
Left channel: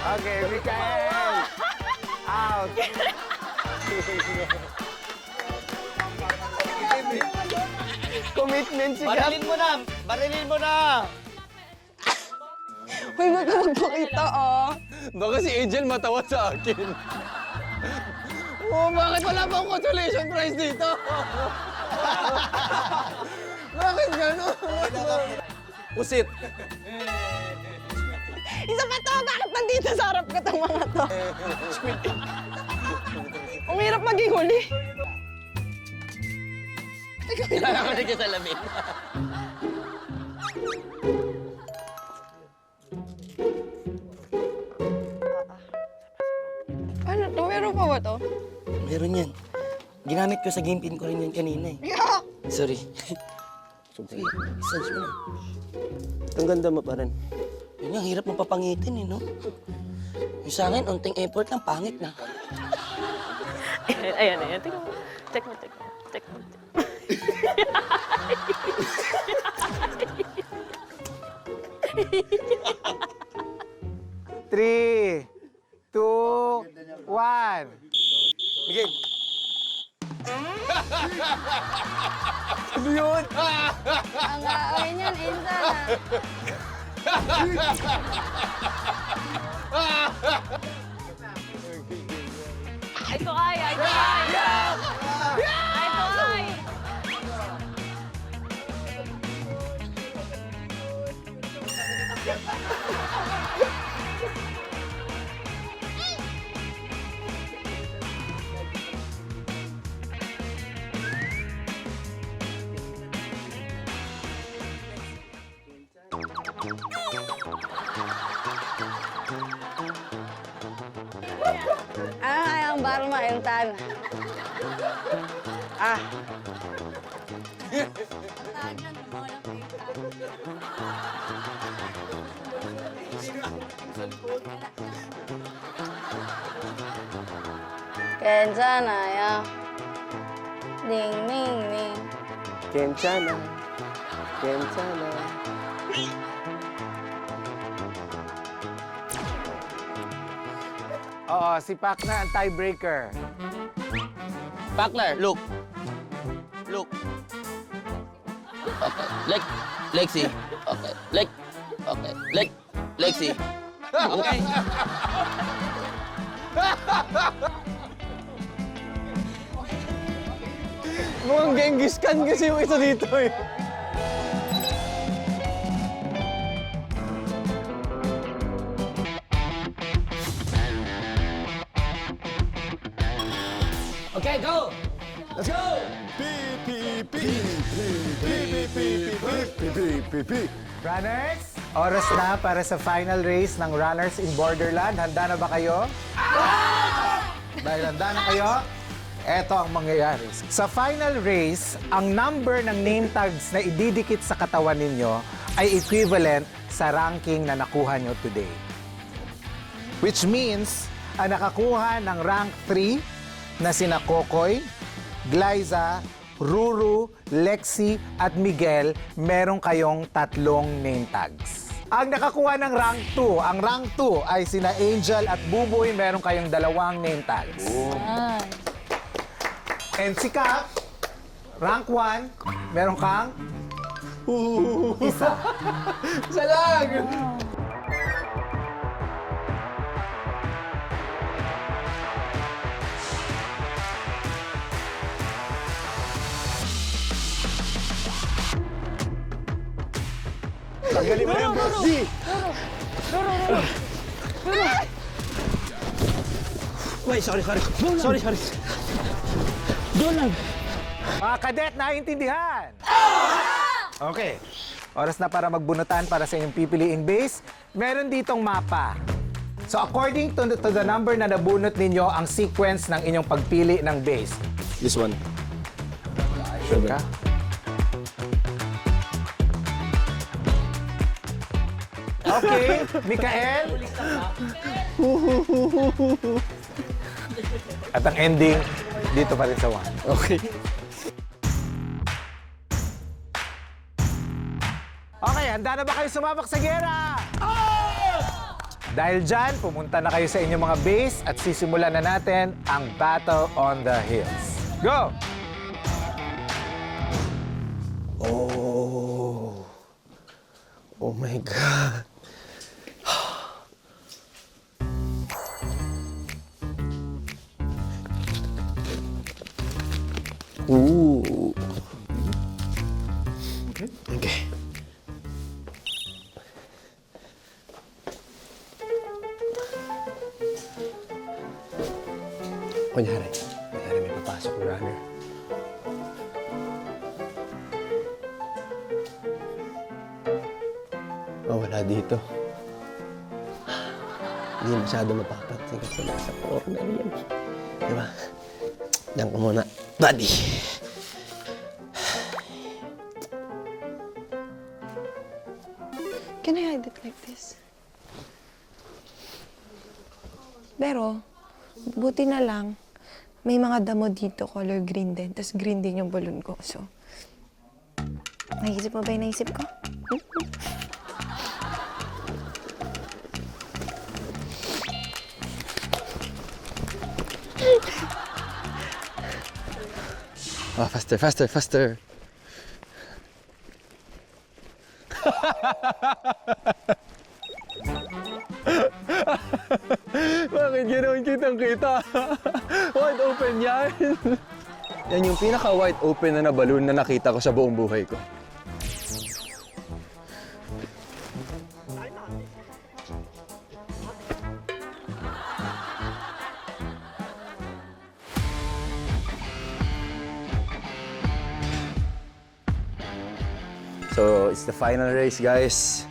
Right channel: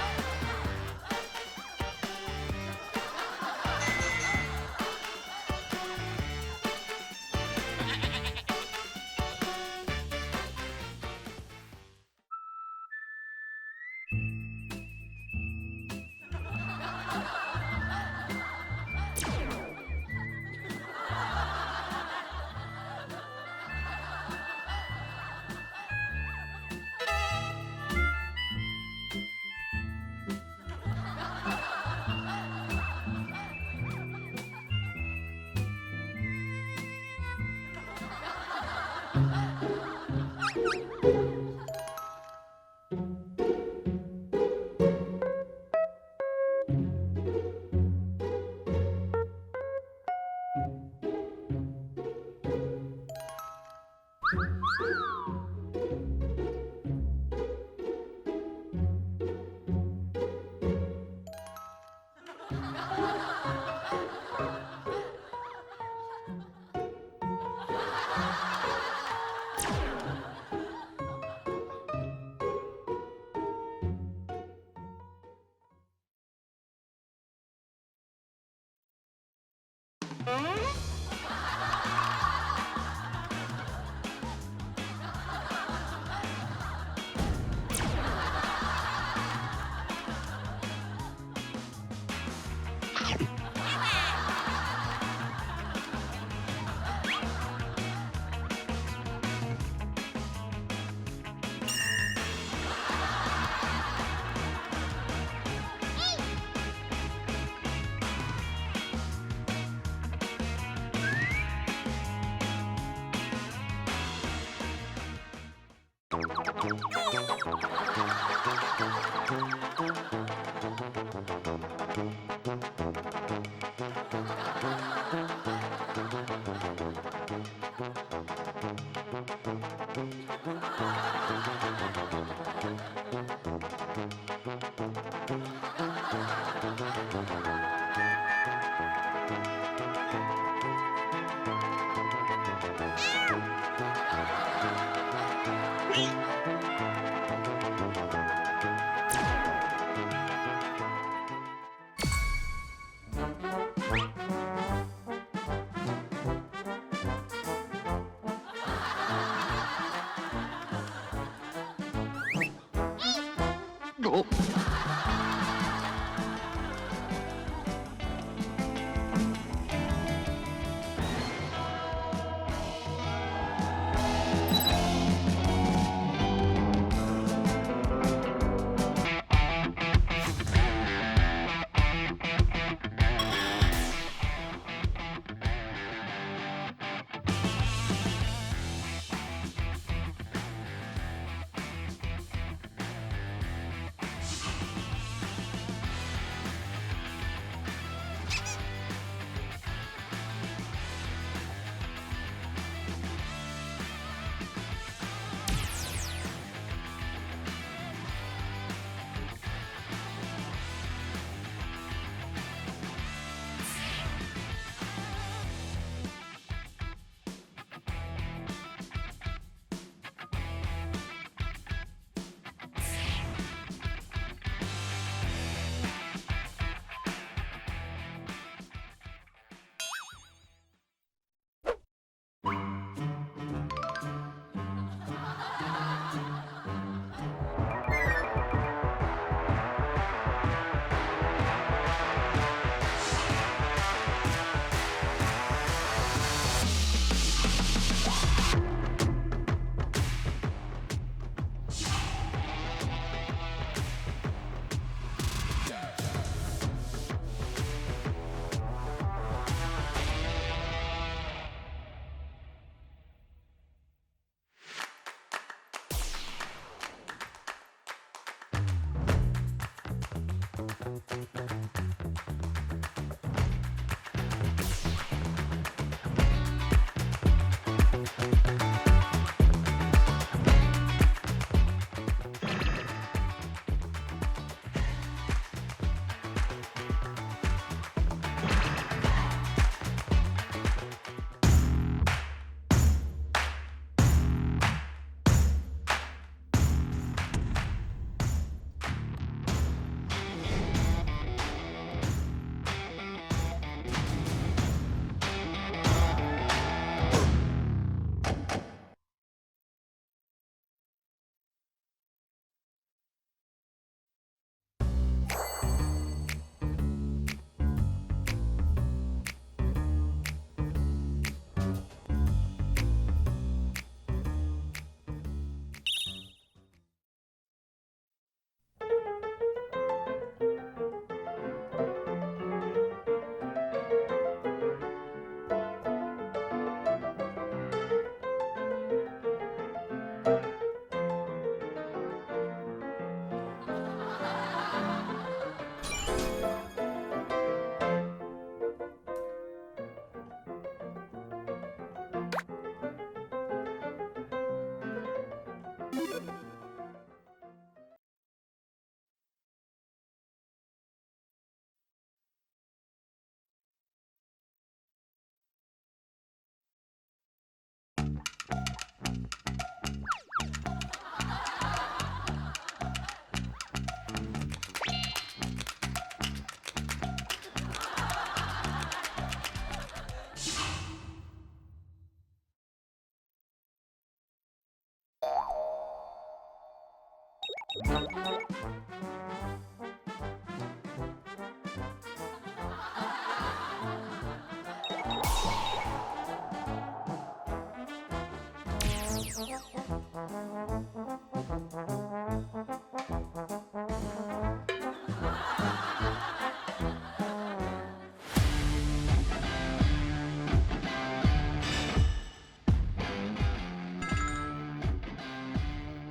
Okay, Mikael. Out. Commitment si Gab! Barilin mo na! Barilin mo na! Uy, wag ka magpakita, oh. Baka si Angel matawa sa akin. Oh, bakit wala bang consolation prize dito? Bakit gano'n? Pusit. Isa pa to! Bakit nandito sa harap ka itong mga to? Ang hirap maging huli. Kailangan ko na salamin. Ano to? Meron pa ba to? Meron yan. Ginamit ko sa game pin ko rin yan kanina eh. Sorry. Sige, search mo. Ang ganda mo pa rin. Yun ang hirap mapapangitin eh, no? Yung sa akin, unting effort lang, pangit na. Ayan. Tingnan mo. Check mo. 3, 2, 1. Miguel. Ang gawin yan, Insa. Ito kaya. Ang baru maintan. 괜찮아 ya. Ding ding ding. 괜찮아. Oo, si Pakna ang tiebreaker. Pakler, look. Lexi. Okay. Lexi. Okay. Mukhang Genghis Khan kasi yung isa dito eh. Okay, go! Let's go! Runners, oras na para sa final race ng Runners in Borderland. Handa na ba kayo? Dahil handa na kayo, eto ang mangyayari. Sa final race, ang number ng name tags na ididikit sa katawan ninyo ay equivalent sa ranking na nakuha nyo today. Which means, ang nakakuha ng rank 3 na sina Kokoy, Glyza, Ruru, Lexi, at Miguel, meron kayong 3 name tags. Ang nakakuha ng rank 2, ang rank 2 ay sina Angel at Buboy, meron kayong 2 name tags. And si Cap, rank 1, meron kang isa. Isa lang! Tanggalin mo yung Bruce Lee. Wait, sorry. Mga kadet, naiintindihan? Okay. Oras na para magbunutan para sa inyong pipiliing base. Meron ditong mapa. So according to the number na nabunot ninyo, ang sequence ng inyong pagpili ng base. This one. Sure ka? Okay, Mikael. At ang ending, dito pa rin sa 1. Okay. Okay, handa na ba kayo sumabak sa gera? Dahil dyan, pumunta na kayo sa inyong mga base at sisimulan na natin ang Battle on the Hills. Go! Oh my God. Ooh. Okay. Kunyari may papasok na runner. Oh, wala dito. Hindi masyado matakot. Oh, yan. Diba? Diyan ko muna. Buddy. Can I hide it like this? Pero, buti na lang, may mga damo dito, color green din. Tapos green din yung balloon ko. So, naisip mo ba yung naisip ko? Oh, faster, faster, faster. Bakit ganoon kitang-kita? Wide open yan. Yan yung pinaka-wide open na balloon na nakita ko sa buong buhay ko. So, it's the final race, guys.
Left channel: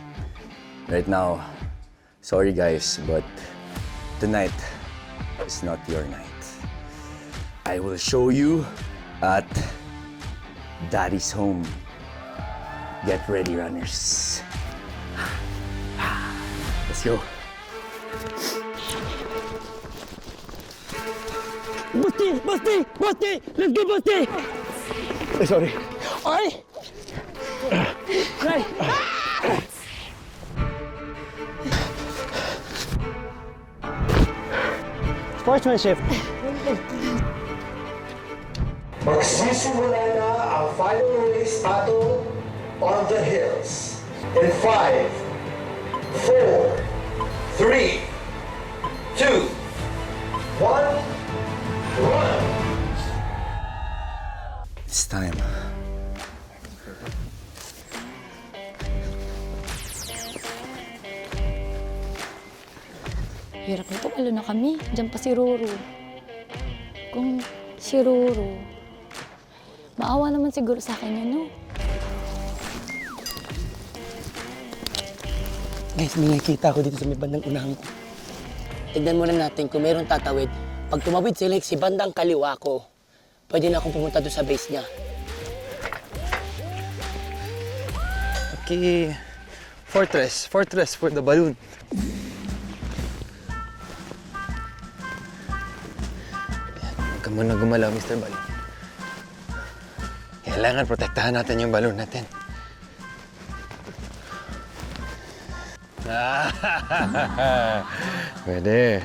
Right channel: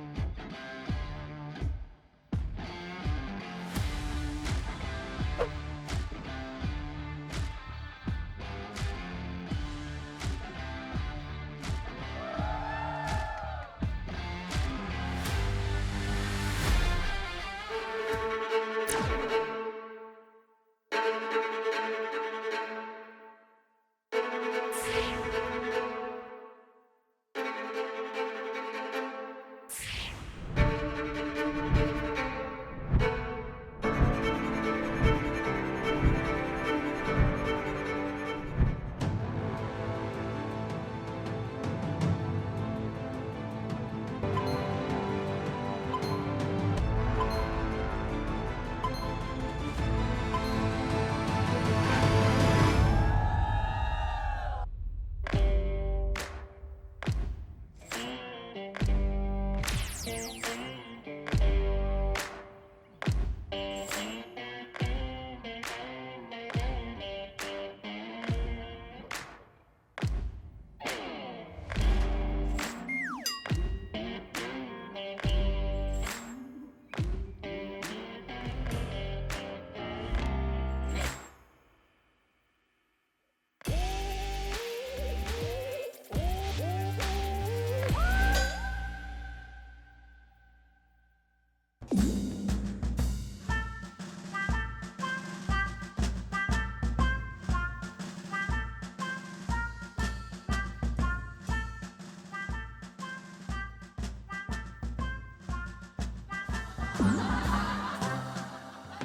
Right now, sorry guys, but tonight is not your night. I will show you at Daddy's home. Get ready, runners. Let's go. Basti! Basti! Basti! Let's go, Basti! Ay, sorry. Ay! Ay! Sportsmanship. Magsisimula na ang final race battle on the hills. In 5, 4, 3, 2, 1, run! It's time. Hirap na lalo na kami. Diyan pa si Roro. Kung si Roro, maawa naman siguro sa akin yun, no? Guys, may nakikita ko dito sa may bandang unahan ko. Tignan muna natin kung mayroong tatawid. Pag tumawid sila si bandang kaliwa ko, pwede na akong pumunta doon sa base niya. Okay. Fortress. Fortress for the balloon. Huwag ka muna gumalaw, Mr. Balloon. Kailangan protektahan natin yung balloon natin. Pwede.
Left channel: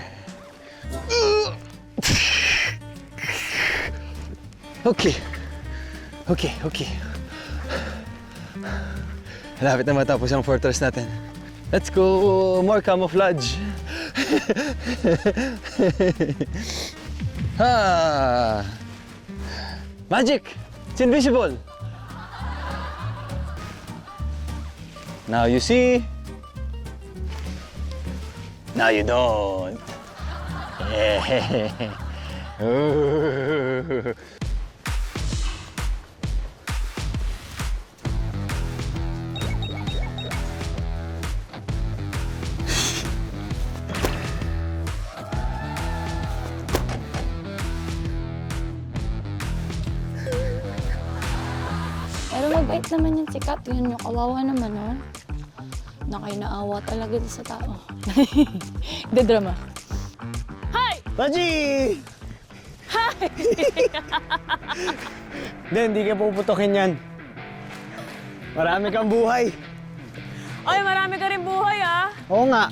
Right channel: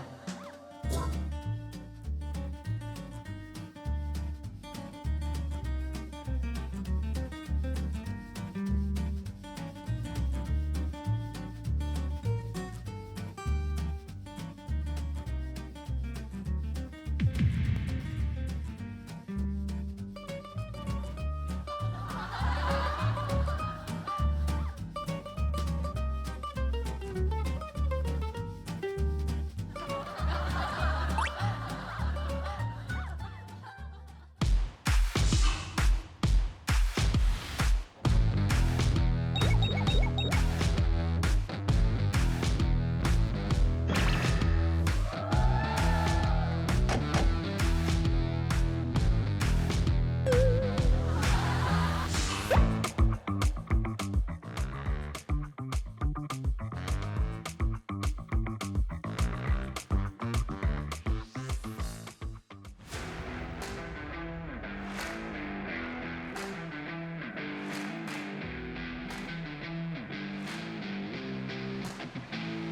Okay. Okay, okay. Malapit na matapos ang fortress natin. Let's go! More camouflage! Ah! Magic! It's invisible! Now you see. Now you don't. Pero mabait naman yung si Kat. Yun mo, kawawa naman, oh. Nakainaawa talaga dito sa tao. Hindi drama. Baji! Hi! Hindi ka puputokin yan. Marami kang buhay. Ay, marami ka rin buhay, ah. Oo nga.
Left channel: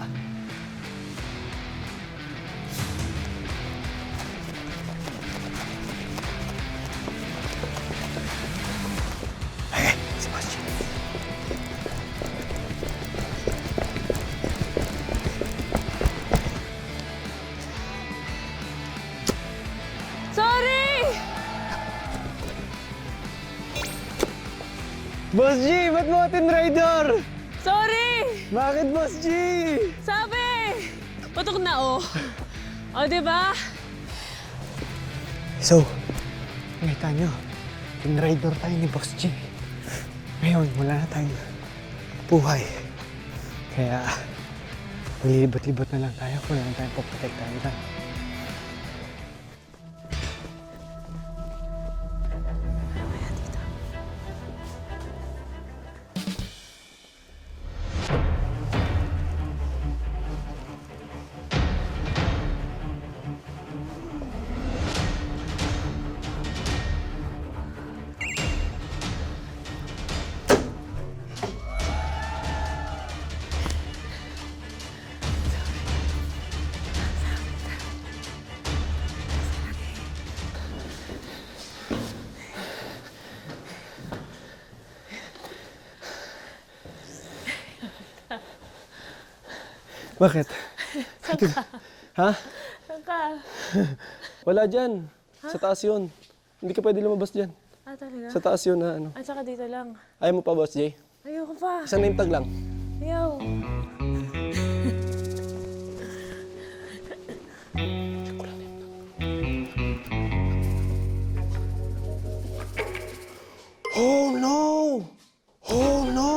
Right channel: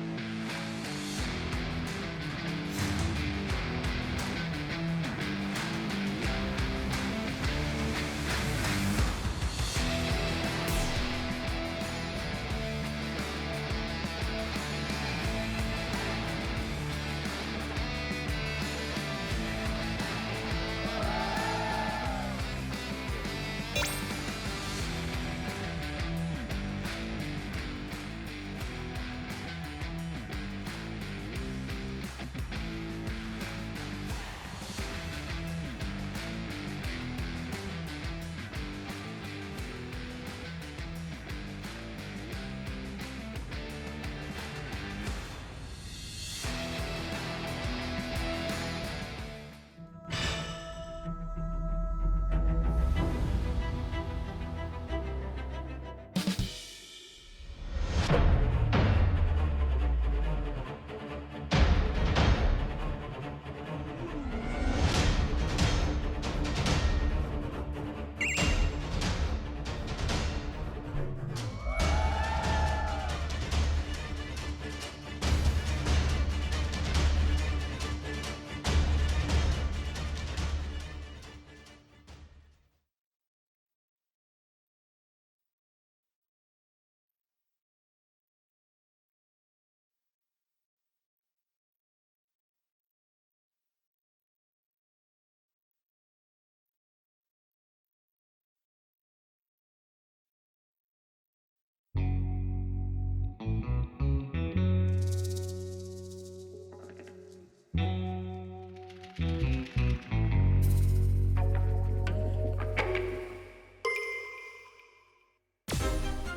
Sorry! Boss G, ba't mo atin rider? Sorry! Bakit, Boss G? Sabi! Putok na, oh. O, di ba? So, nakita nyo, in-rider tayo ni Boss G. Ngayon, wala na tayong buhay. Kaya, lilibot-libot na lang tayo kung lang tayo paprotektahan dyan. Bakit? Ha? Saka. Wala dyan. Sa taas yun. Hindi ka pwede lumabas dyan. Ah, talaga? Sa taas yun na ano. At saka dito lang. Ayaw mo pa, Boss J? Ayoko pa. Isang name tag lang. Ayaw. Oh no! Oh no!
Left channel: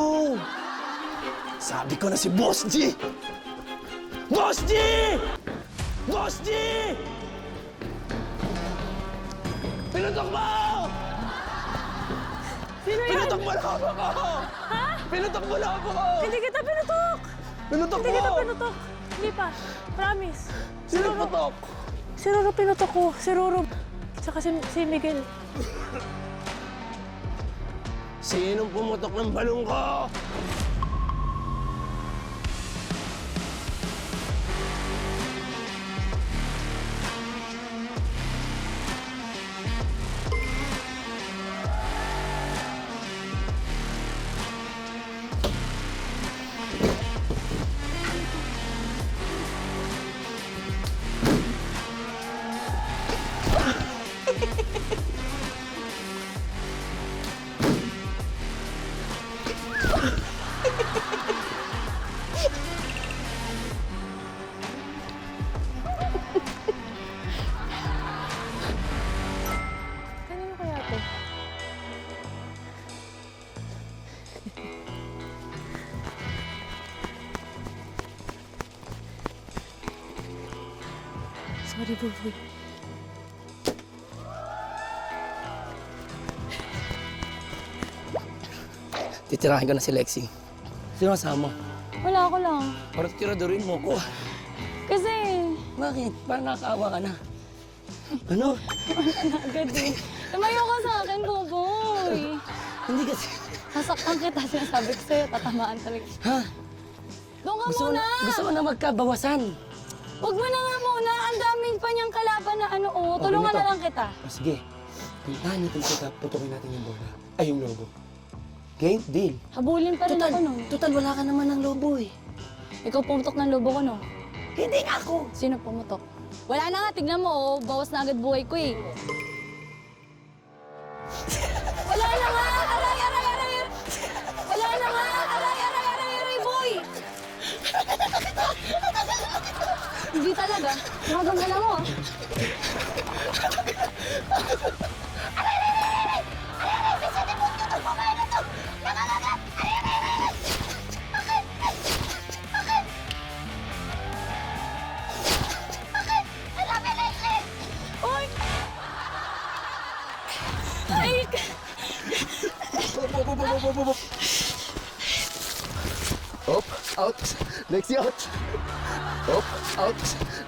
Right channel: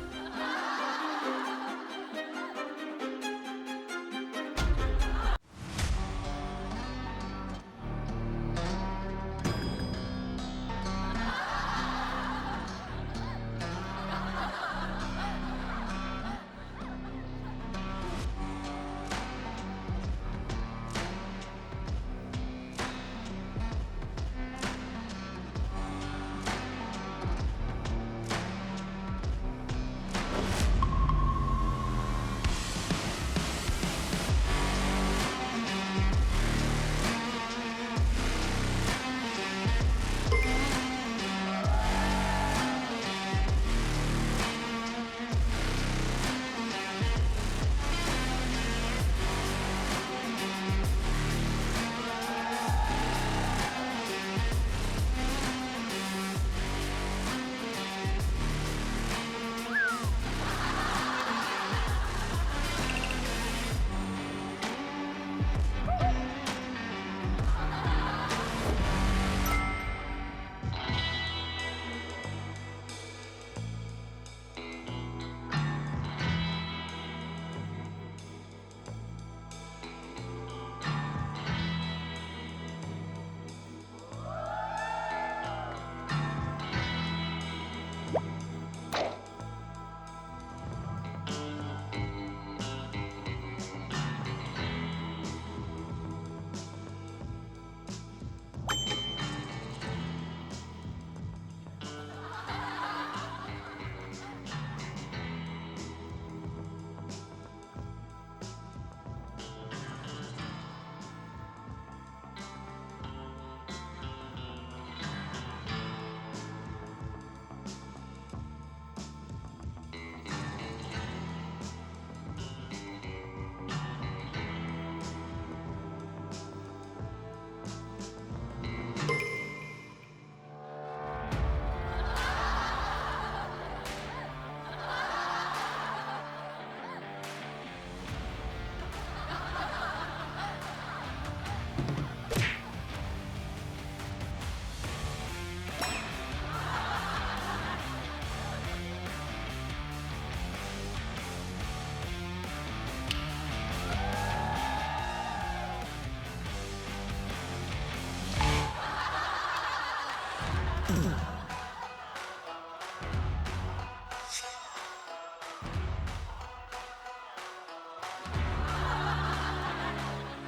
Sabi ko na si Boss G! Boss G! Boss G! Pinutok mo! Sino yan? Pinutok mo na ako! Pinutok mo na ako! Hindi kita pinutok! Pinutok Hindi kita mo! pinutok! Hindi pa. Promise. Sino putok? Si Roro pinutok ko. Si Roro. Saka si Miguel. Sinong pumutok ng balong ko? Kanino kaya to? Sorry, baby. Titirahin ko na si Lexi. Sino kasama? Wala ko lang. Parang tiradorin mo ko. Kasi, Bakit? Parang nakakaawa ka na. Ano? agad eh. Tumayo ka sa akin, Boboy. Hindi kasi... Sasaktan kita, sinasabi ko sa'yo, tatamaan talaga. Ha? Doon ka Gusto muna! mo na magkabawasan. Huwag mo na nga muna, ang daming pa niyang kalaban na ano, oh. Tulungan na lang kita. O sige, puntahan niyo kita, tutukin natin yung bote. Ay, yung lobo. Okay, deal. Habulin pa rin ako, no? Total, wala ka naman ng lobo eh. Ikaw pumutok ng lobo ko, no? Hindi ako. Sino pumutok? Wala na nga, tignan mo, oh. Bawas na agad buhay ko, eh. Wala na nga! Wala na nga! Boy! Hindi talaga. Magagala mo, ah. Up, out, Lexi out. Up, out,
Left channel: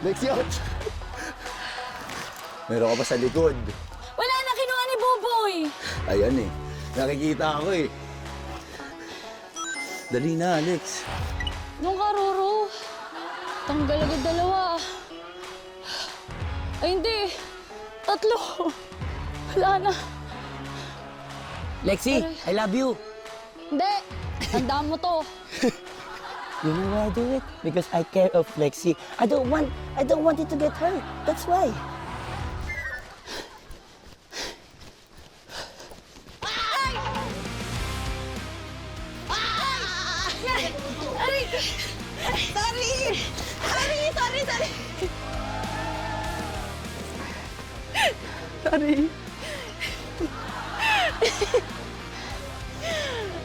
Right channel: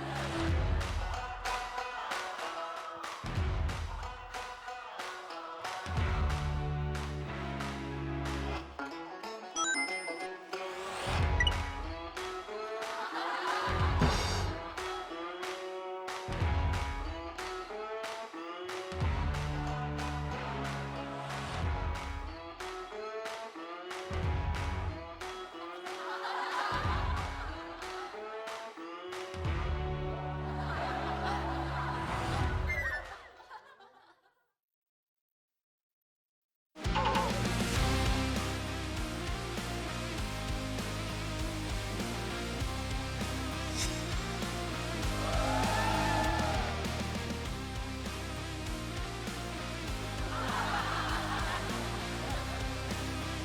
Lexi out. Meron ka pa sa likod. Wala na kinuha ni Boboy! Ayan eh. Nakikita ako eh. Dali na, Alex. Nung karuro. Tanggal agad dalawa. Ay, hindi. Tatlo. Wala na. Lexi, I love you. Hindi. Tandaan mo to. You know why I do it? Because I care of Lexi. I don't want it to get hurt. That's why.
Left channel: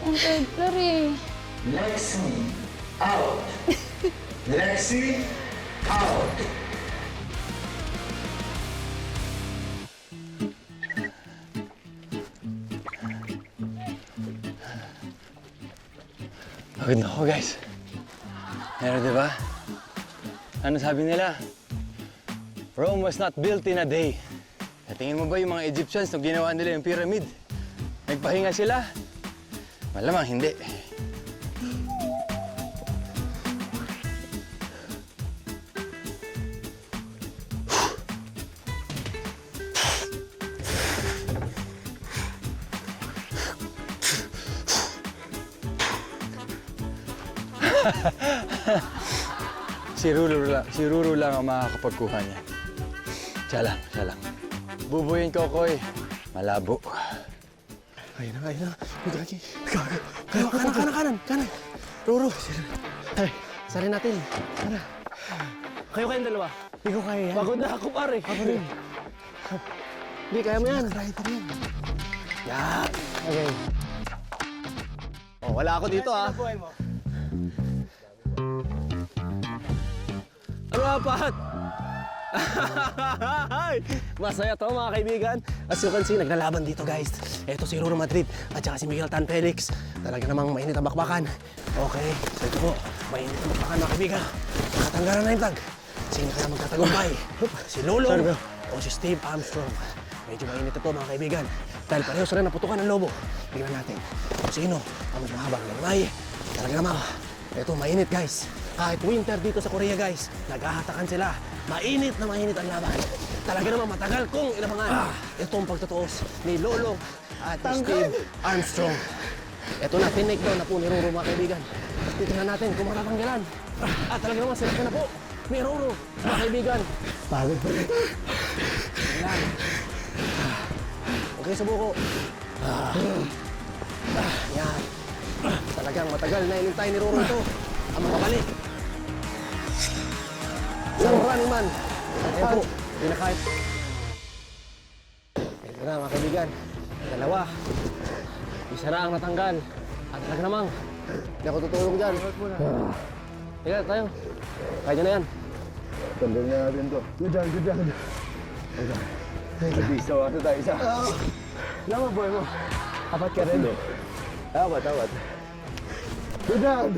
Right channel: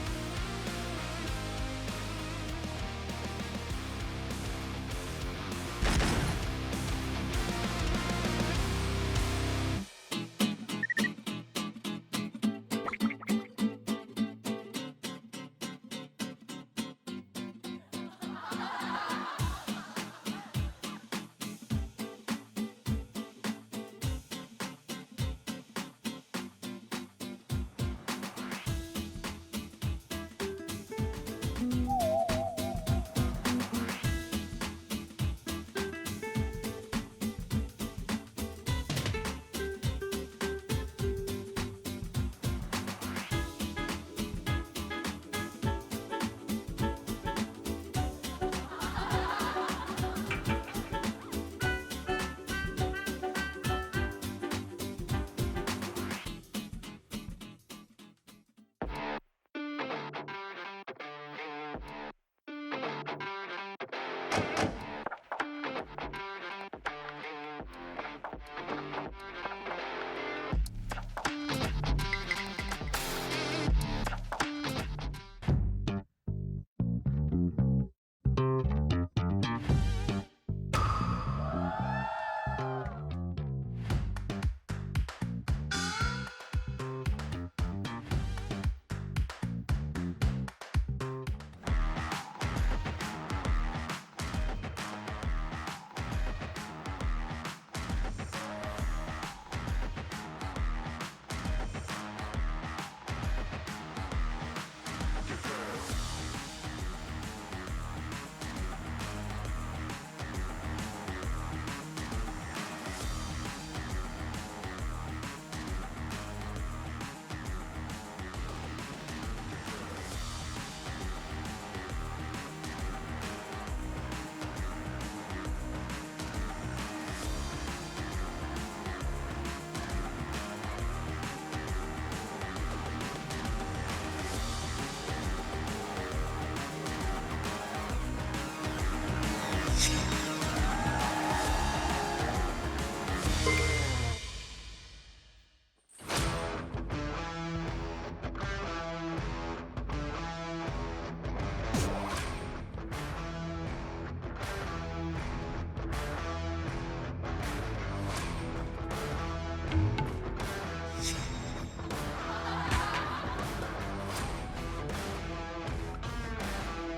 Ang pepper eh. Pagod na ako, guys. Pero diba? Ano sabi nila? Rome was not built in a day. Tingin mo ba yung mga Egyptians nung ginawa nila yung pyramid? Nagpahinga sila? Malamang hindi. Si Ruru lang ang makakapagkuha niya. Siya lang. Bubuyin ko, Koy. Malabo. Ayun na. Gagi. Kanan. Ruro. Ay, sali natin. Kayo kayong dalawa. Hindi ko kaya yan. Pagod na ako, pare. Ako rin. Hindi, kaya mo yan. Kaya mo yan. Yan. Okay. Oh, wala ako dito, ah. Ano Pat? Masaya to mga kaibigan. As you can see, naglalaban dito guys. Ito si Ruro Madrid at saka si Miguel Tan Felix. Talaga namang mainit ang bakbakan. Okay, so ito po, mainit ang bakbakan mga kaibigan. Natanggalan na yung tag. Sino kaya magtatagumpay? Si Lolo o si Steve Armstrong? Medyo mainit ito mga kaibigan. Dahil pareho sila naputukan ng lobo. Tingnan natin kung sino ang mahabang lamay. Talaga namang, ito mainit guys. Kahit winter dito sa Korea guys, naghahatakan sila. Mainit na mainit ang laban. Talaga naman matagal kong inabangan itong pagtutuos ni Lolo at Steve Armstrong. Ito na, tinake down na po ni Ruro mga kaibigan. Titingnan natin kung matatanggalan. At talaga naman sila na po ni Ruro mga kaibigan. Pagod po. Ayan. Okay, subuko. Yan. Talagang matagal na inintay ni Ruro ito. Ang makabalik. Isang running man. Ito po, pinakahit. Ito na mga kaibigan. Dalawa. Isa na ang natanggal. At talaga namang, hindi ako tutulong dyan. Kaya tayo. Kaya nyo na yan. Tandaan na natin to. Diyan. Isa, ano tayo, isa. Lama boy mo. Apat ka rin. Tawad. Diyan!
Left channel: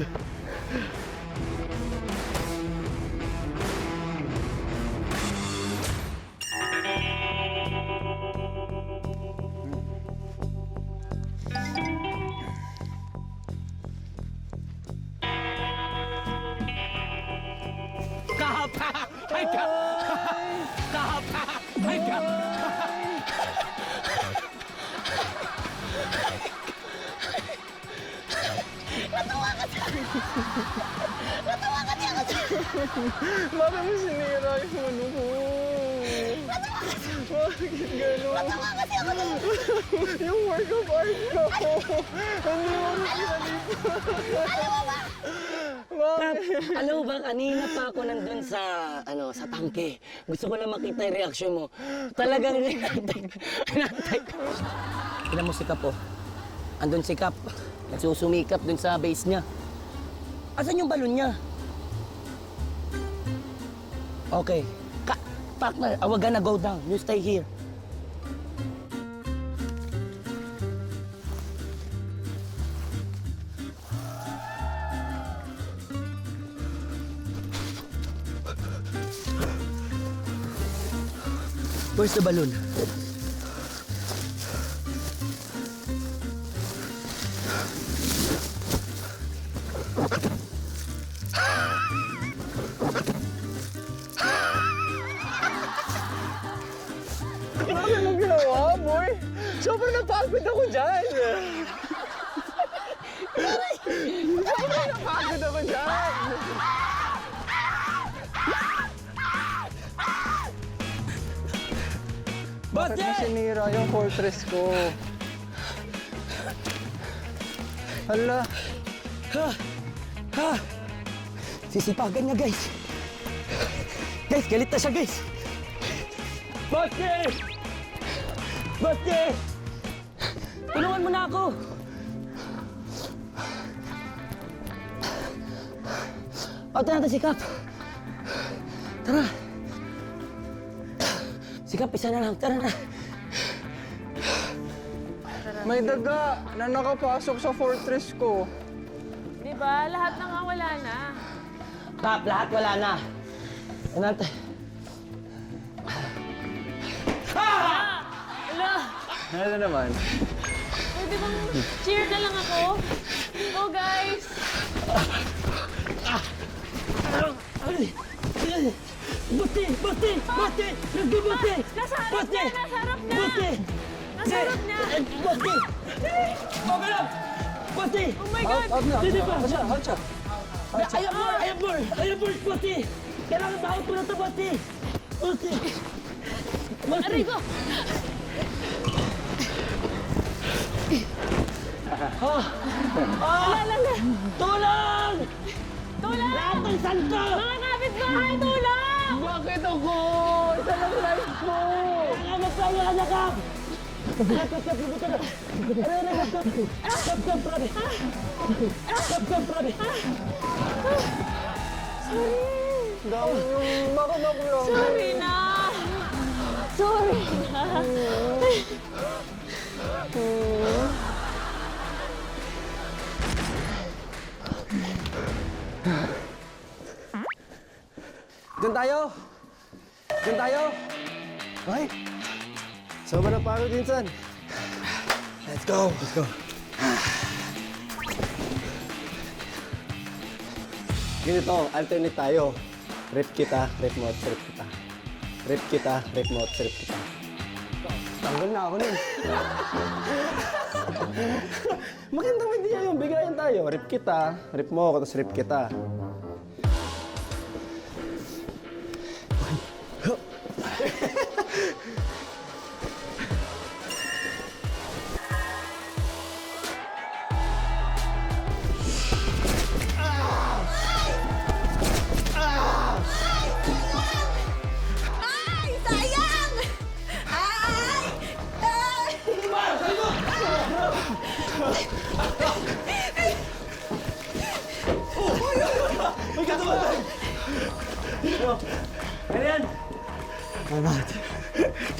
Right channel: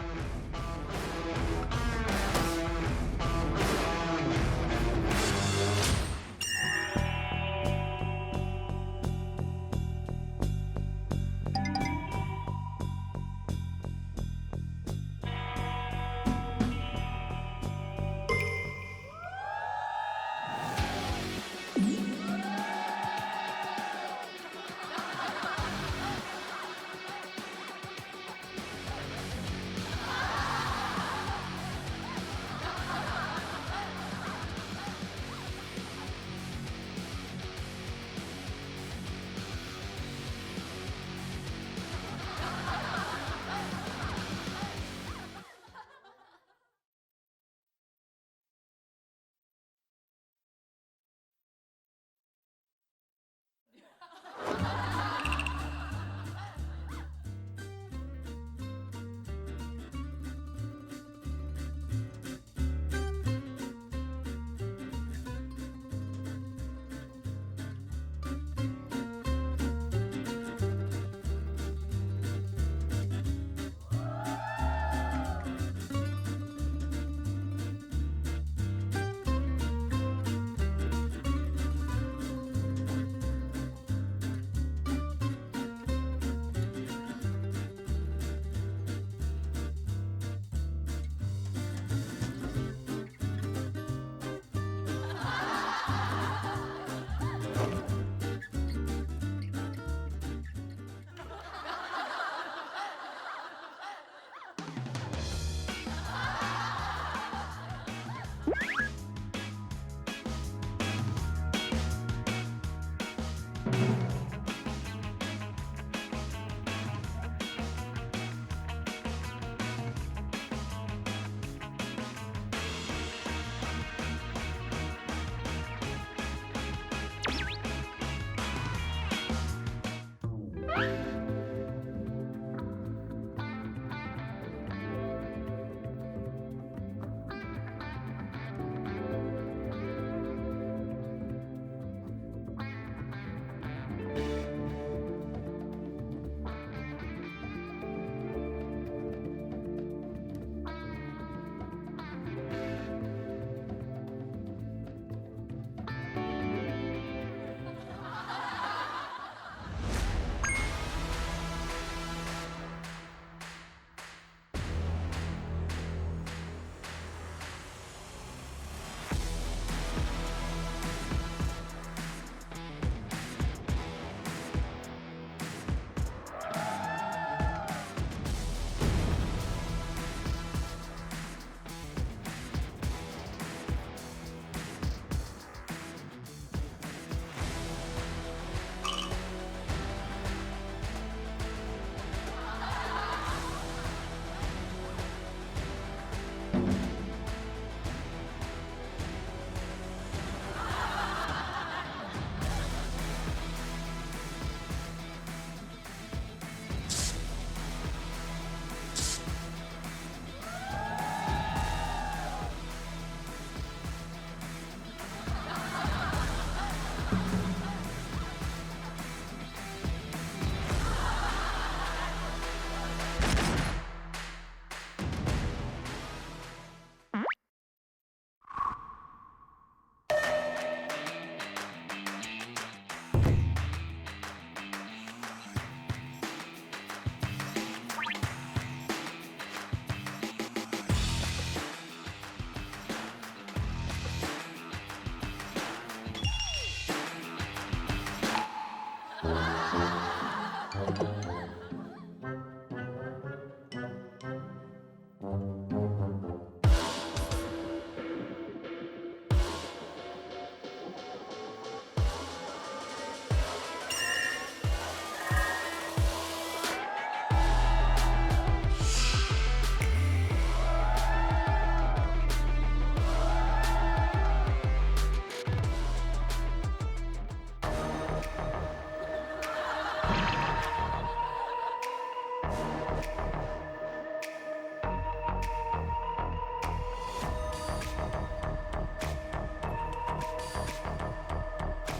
Alam mo ba, kanina pa ako nandun sa, sa tangke. Gusto ko lang makita yung reaksyon mo. Talagang hinantay ko. Tignan mo si Kap, oh. Andun si Kap. Nagsusumikap dun sa base niya. Asan yung balon niya? Okay. Partner, we're gonna go down. You stay here. Where's the balloon? Anong ginawa, boy? Sobrang napagod ako dyan. Sobrang napagod ako dyan. Bakit mo sinira yung fortress ko? Hala. Sisipagan niya, guys. Guys, galit na siya, guys. Bakit? Bakit? Tulungan mo na ako! Pagta natin si Kap. Tara. Si Kap, isa na lang. Tara na. May daga na nakapasok sa fortress ko. Di ba? Lahat na nga wala na. Kap, lahat wala na. Natin. Ano naman? Pwede bang cheer na lang ako? Go, guys! Buti! Buti! Buti! Nagbubuti! Nasa harap niya! Nasa harap niya! Buti! Nasa harap niya! Buti! Buti! Oh my God! Hindi ba? Ayaw ball! Buti! Kailangan ba out mo na ito, Buti! Buti! Aray ko! Tulong! Tulong! Lahat ng santo! Mga kapitbahay, tulong! Bakit ako? Ito lang life ko! Salamat sa iyo, anak ka! Sorry na! Sorry! Doon tayo! Doon tayo! Ay! Sobrang pagod minsan. Let's go! Let's go! Ganito, alternate tayo. Rip kita, rip mo, rip kita. Rip kita, rip mo, rip kita. Tanggal na ako nun. Magandang idea yun. Bigayan tayo. Rip kita, rip mo ako, tapos rip kita. Ay, sayang! Ay!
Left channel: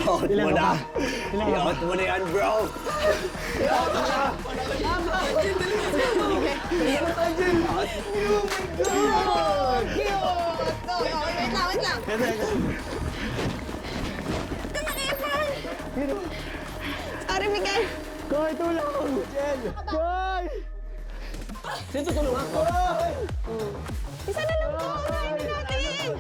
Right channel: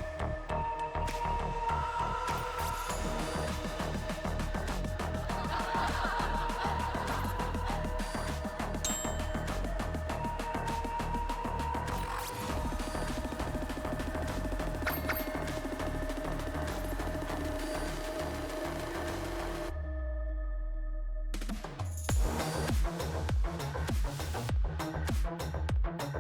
Takot mo na! Takot mo na yan, bro! Wait lang. Sorry, Miguel. Koy, tulong! Koy! Sino tulungan ko? Isa na lang po. Hindi natin.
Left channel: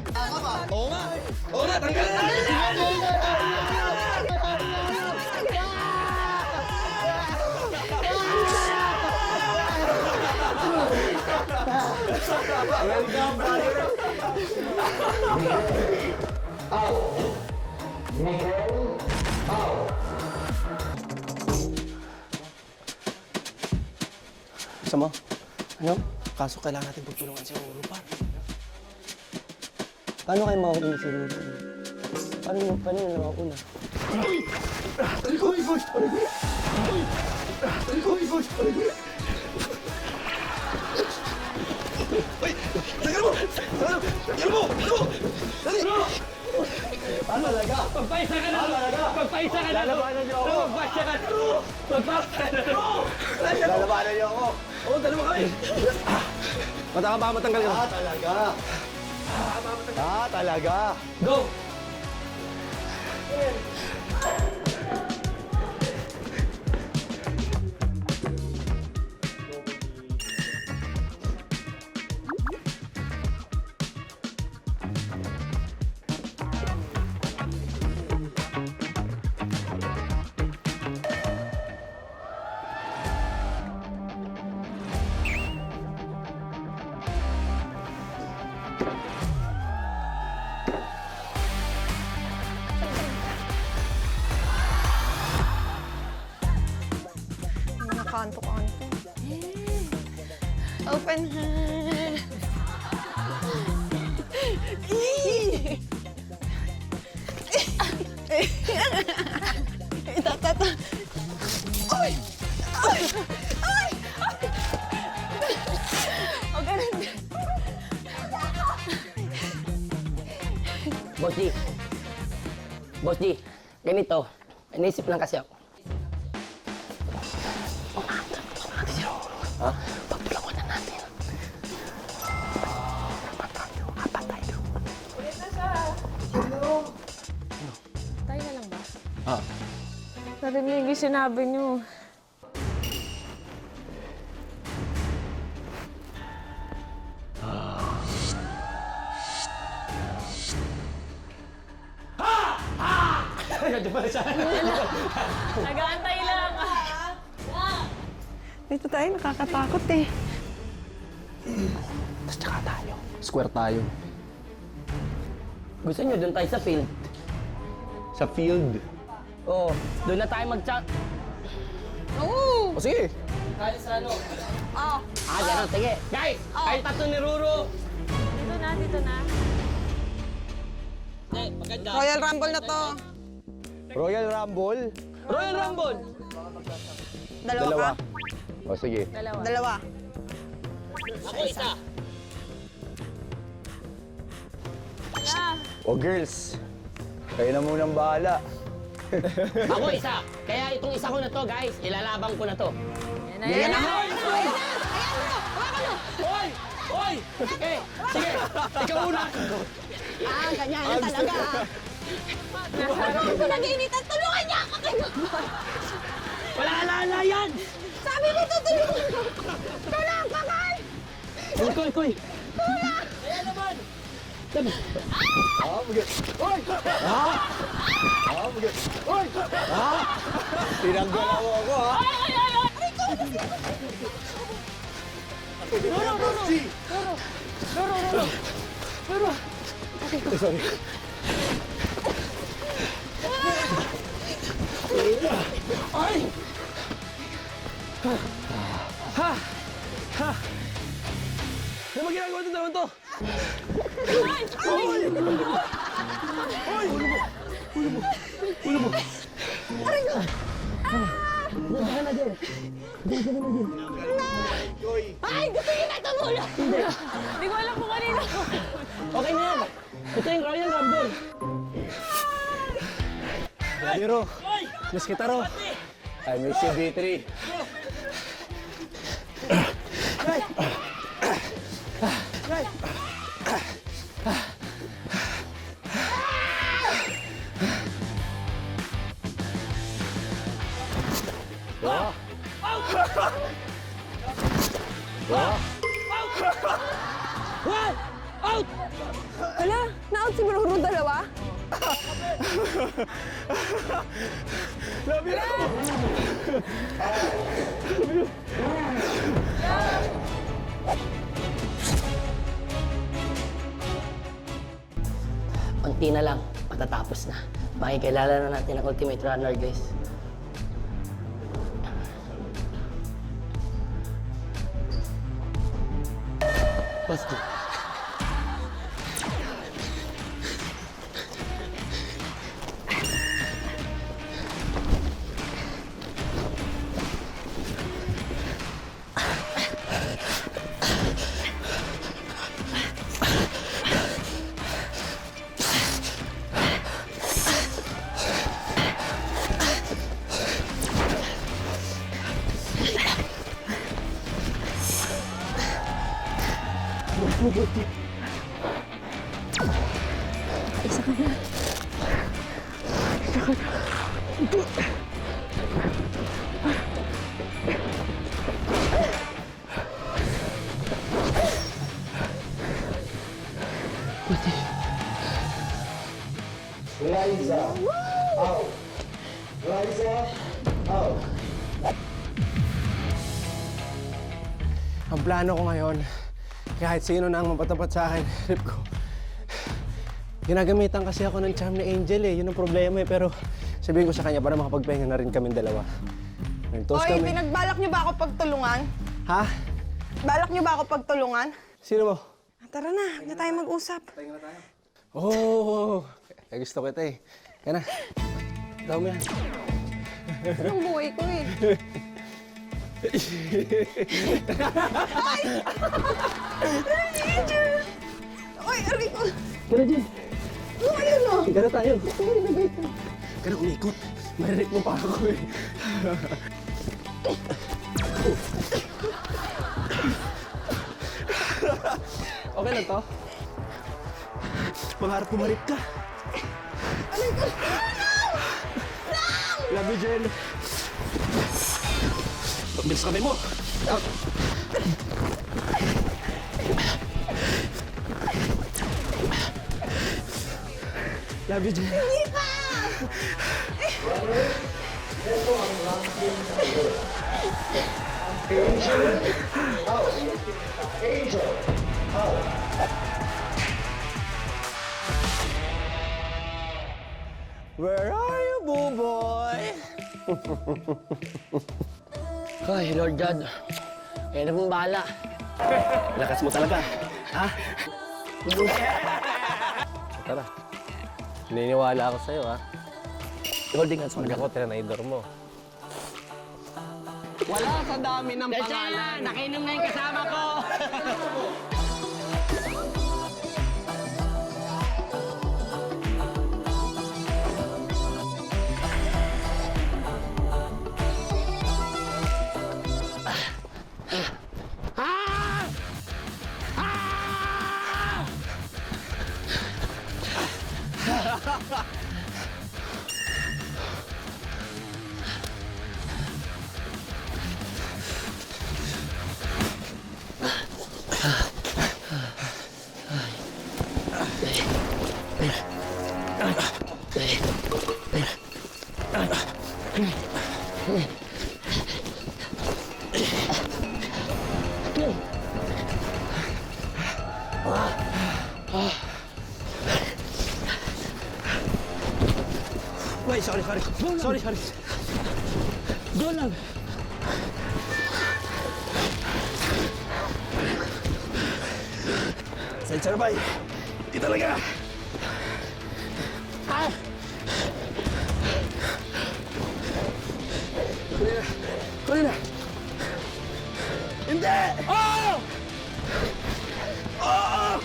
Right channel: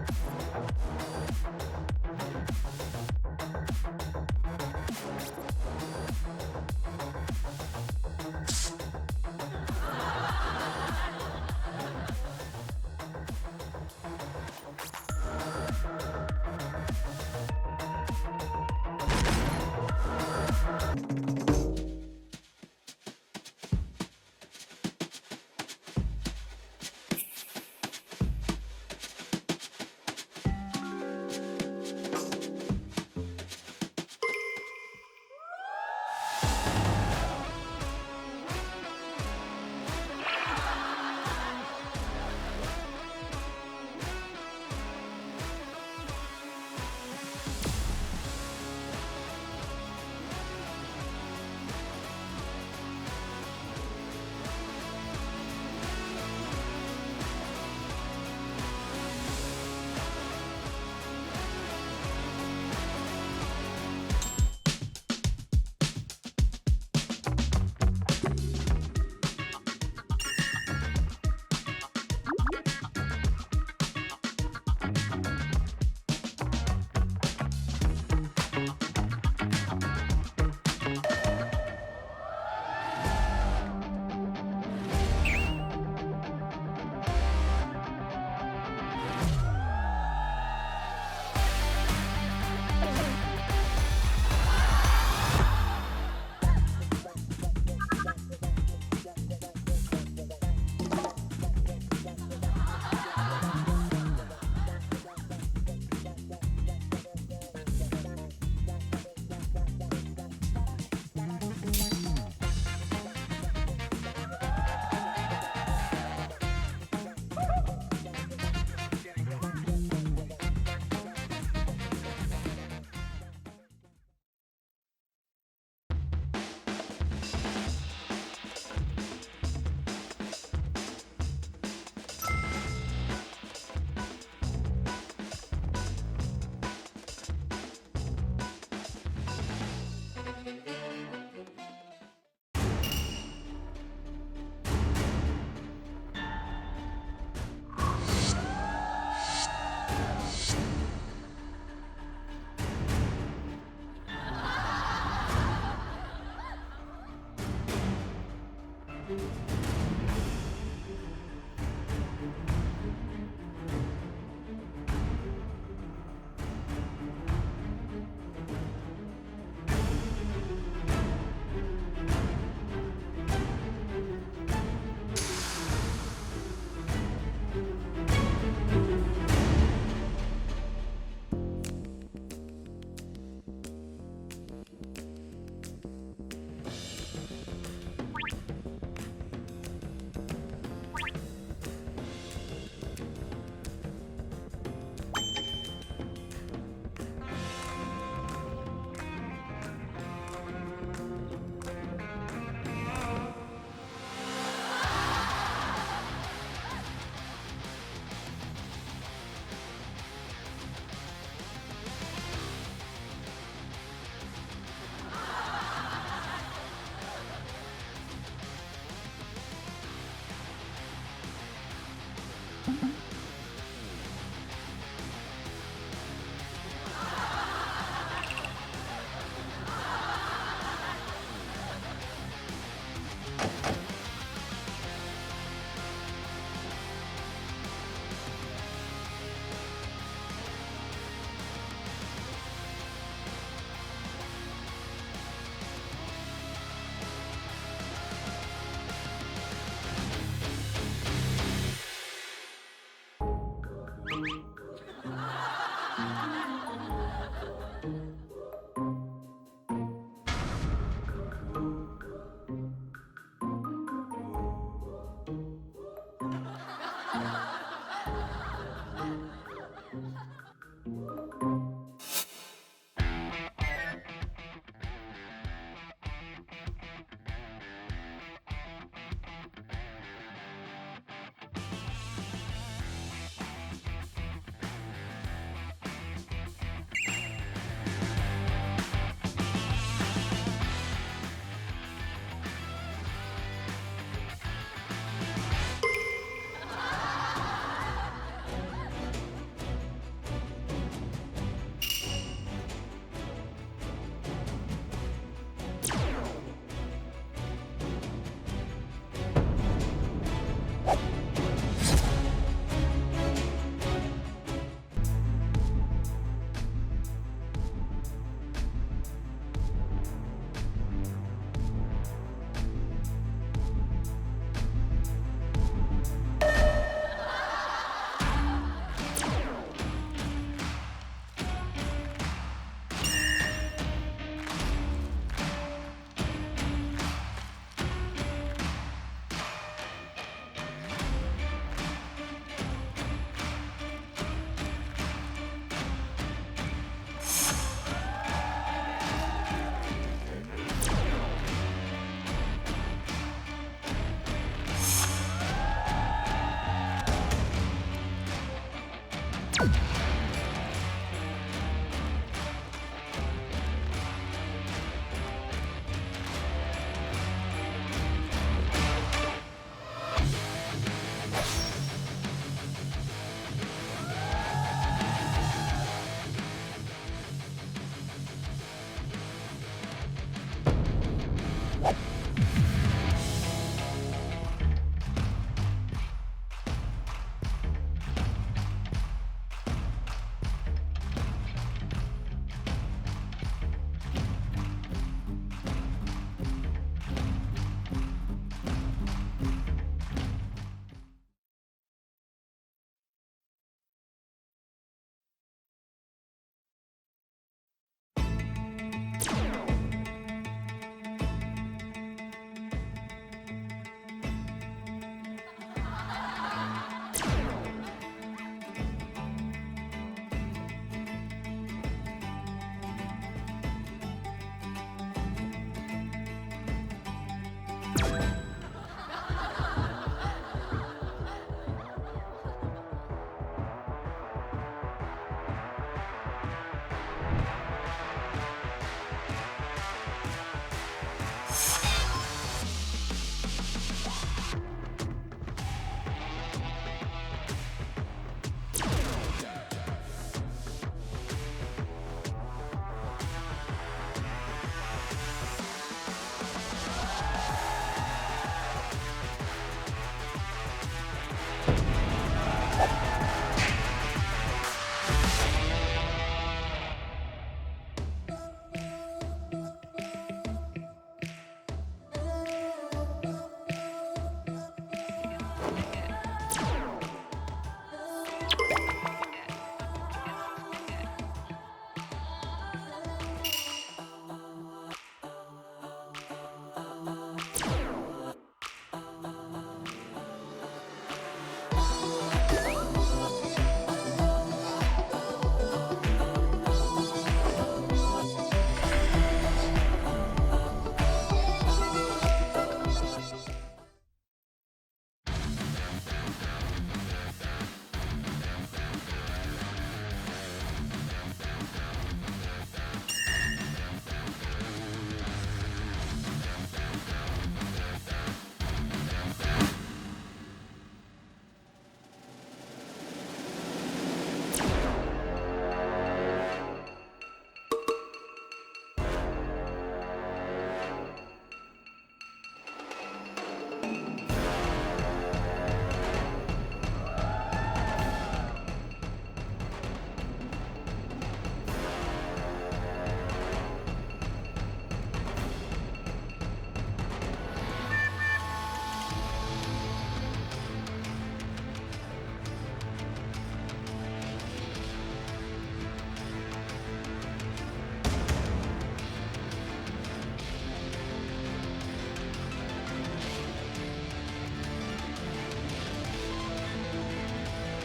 Gusto mo? Ano? Kaso kailangan natin pagtulungan sa Europa. Paano kayo mauulit sa Europa? Paano yung nakakuna? Pagpaisa ka na! Pagpaisa ka na! Lalabanan niyo ako! Pagpaisa ka na! Pagpaisa ka na! Lalabanan niyo ako! Oo, dalawa kami! Mataka ba matanggal ka? Talaga! Talaga! Go! Boss G, ganito. Inisip lang kasi ako. Ha? Pagplawan na natin. Tayo na lang ba? Narinig yung sinabi niyo. Nag-aantay lang. Dito tayo, nakakatakot eh. Tapos tsaka tayo. Square tayo. Gusto niyo doon tayo sa field? Sa field. Oo, doon na tayo mag-chat. Oo! O sige. Kali sa ano? Oh. Ganun. Sige. Guys, kayo tatlo ni Ruru. Dito na, dito na. Maganda. Royal Rumble na to. Royal Rumble. Royal Rumble. Dalawa ka? O sige. Dalawa. Ako isa. O girls, kayo na munang bahala. Ako isa. Kaya itong isa ko na to, guys. Ilalabang ko na to. Yan na! Hoy! Hoy! Sige! Sige! Ikaw una! Ganyan na talaga. Ito nag-iinitan. Tulungan niya ako! Wala yan! Sabi ko tutulungan ko! Tulungan ka, Carl! Koy! Pinanggalaw ako ha. Ano ba ginagawa itong dalawang to? Ay, gusto niyo na tumulong! Hindi ko alam kung kanino. Okay na yan. Ito yung Royal Rumble. Biro, miss kita ro. I miss you, B3. Wala, na-out si Ruru dalawa. Unti na lang, matatapos na. Makikilala na natin ang Ultimate Runner, guys. Let's go. Ang plano ko ngayon, kahit sino na ang mapatapat sa akin, trip ko. Ginagamitan kasi ako ng charm ni Angel eh, yun ang problema eh. Pero sabihin ko sa kanya para makapagpahinga na rin kaming dalawa. Toast Hoy, kami. pinagbalak niyo ba ako pagtulungan? Ha? Balak niyo ba ako pagtulungan? Sino mo? Tara na, huwag na tayo mag-usap. Oh, gusto kita eh. Kaya na. Tawag mo yan. Ang buhay ko eh. Ay! Oy, aray ko! Gano'n tayo. Gano'n umikot. Marinig mo pa ako eh. Okay lang to? Pangarap kumarik ka. Love you, Jen. Pagbilis kami mo. Love you, Jen. Where are you, Buboy? Ay, Lord God. Kaya na mong bahala. Lakas mo talaga. Ha? Tara. Naniniwala ako sa'yo, ha? Holding hands mo Pag na. ako, tinanaidor mo. Wala sa dami ng pangalan. Nakinom na yung kasama ko. Wait, sorry. Sorry. Go lang. Sensor ba? Di talaga. Ah! Huli na. Hindi! Oh! Oh!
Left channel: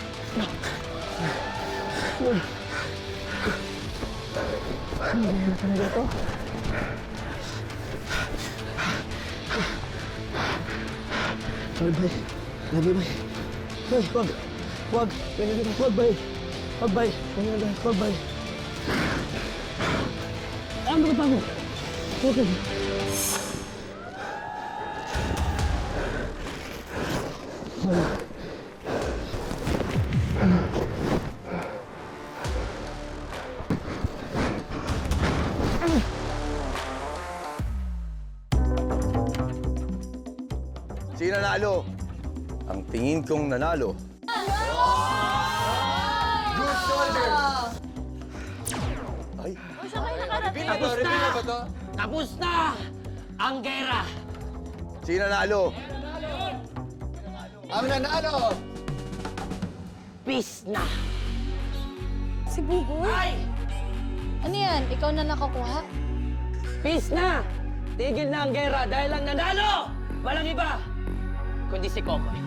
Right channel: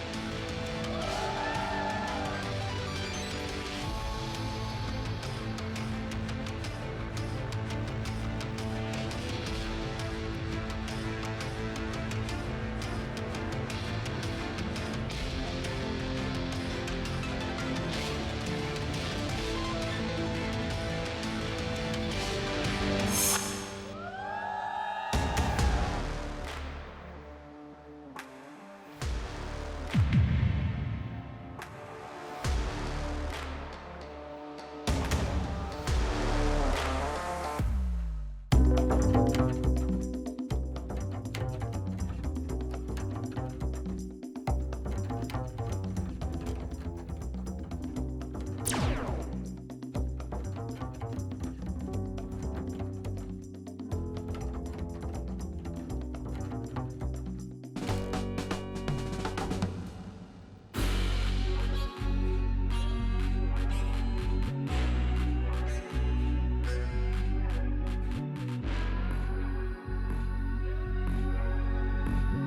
Sino nanalo? Ang tingin kong nanalo. Tapos na ang gera. Sino nanalo? Ang nanalo! Peace na. Si Buboy? Ano yan? Ikaw na nakakuha? Peace na. Tigil na ang gera dahil ang nanalo. Walang iba. Kundi si Kokoy.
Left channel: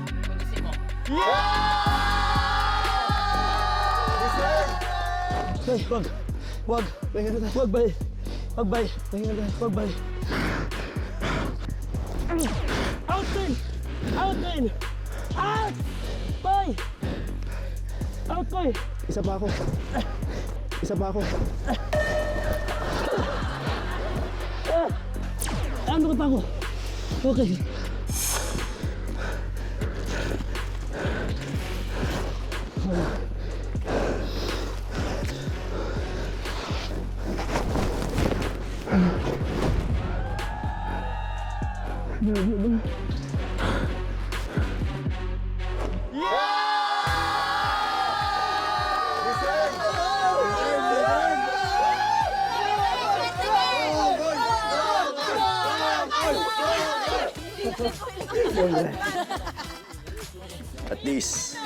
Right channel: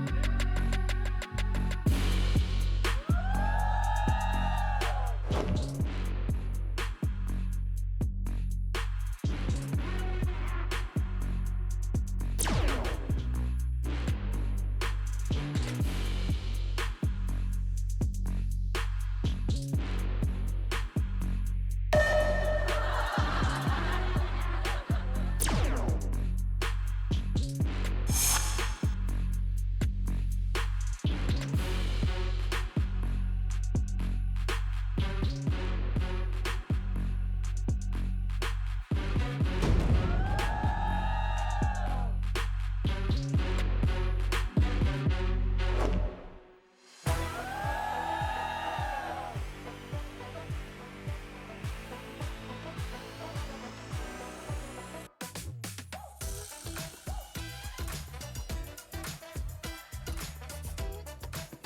At least,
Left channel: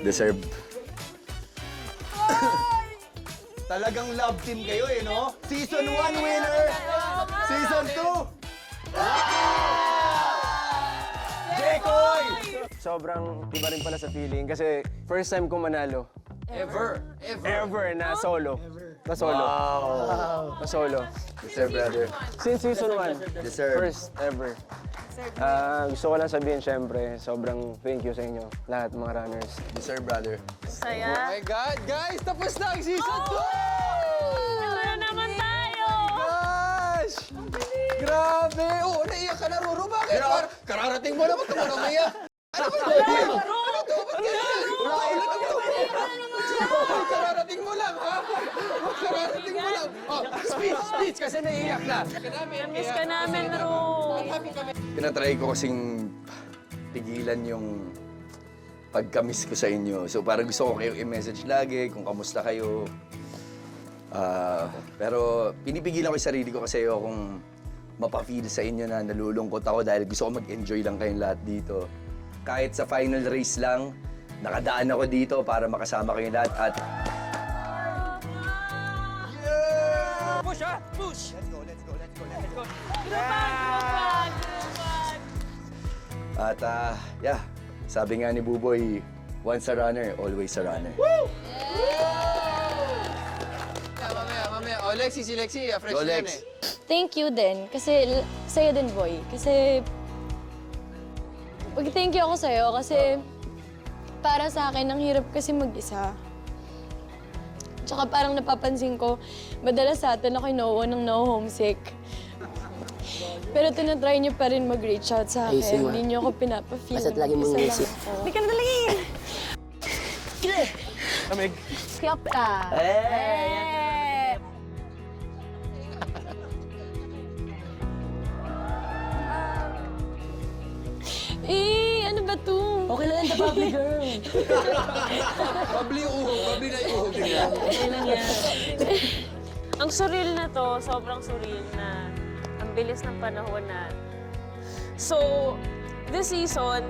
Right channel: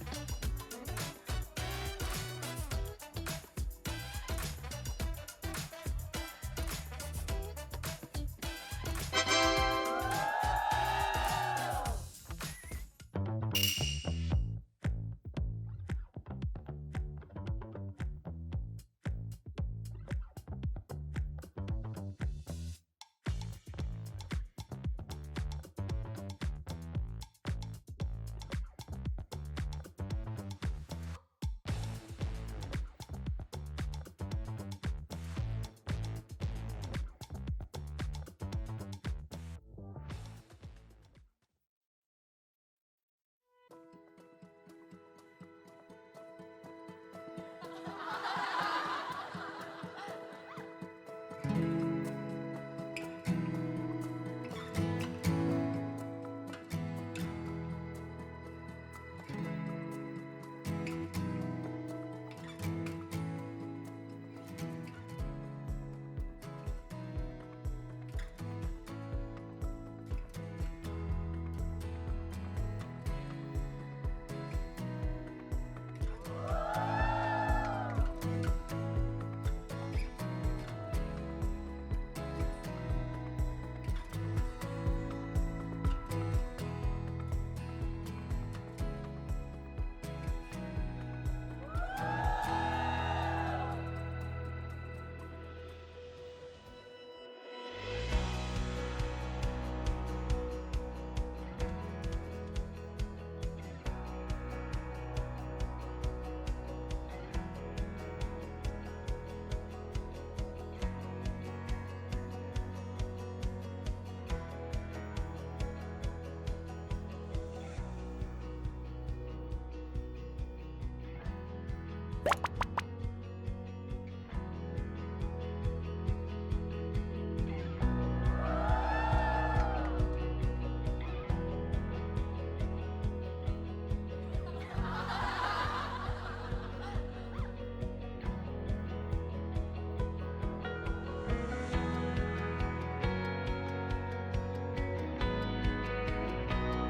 deserve. Talagang love team kayo eh, no? Season 1 winner! Season 2! Jekoy! Sobrang iba rin pala sa feeling kasi first time ko manalo. Ever na solo. Na solo. Na solo. Yes, sir, brother. Since season 1. Yes, sir. First ever. Gusto ko lang sabihin, syempre, sobrang thank you sa inyo, lahat mga runners. Yes, sir, brother. Saya. Oh my God, guys! Tapos na ang season 2! Wala naman tayo! Gosh! Grabe! Oo, naiyak ka na, Roro. Bakit? Kararating mo naman, ito mo umiyak. Ano ba ito? Ano ito? Ba't ganyan? Kararating mo lang, ha? Kararating mo lang. Oh, speech, kasi naiiyak na. Miss ka namin, Ro. Tinatry ko kasing pigilan yung pagka-miss ko sa inyo. So parang gusto ko kayong i-message lagi kung kamusta kayo. Pero pinipigilan ko yung sarili ko kasi ayokong mapafeel sa inyo na nalulungkot ako dahil gusto ko mag-enjoy lang kayong lahat dito. Kahit sa final race lang, nakadaan ako dito para makasama kayong lahat at yeah, sabi nga ni Buboy, once a runner, always a runner. Mamaya. Oh, Lexi, fresh Go, yan Lex. eh. Thank you din. Kasi sa'yo din, boy. Kasi thank you ako sa'yo kasi para sa akin, ang hirap kasi mag-isa. Tsaka parang napapansin ko, madalas sa atin ako'y ng homesick. Pero tinatry niyo pa rin mag-reach out sa akin. Hindi niyo ako pinapa-feel. Basta't lagi mong Isa lang isip. ako. Hindi ka na dali! Amig. Siyap ka! Ano ba to? Okay lang yan, the Bobby girl. Babli na iuhog. Okay lang yan. Ang surreal na to, sobrang surreal na ang bilis ng panahon na. So, this season,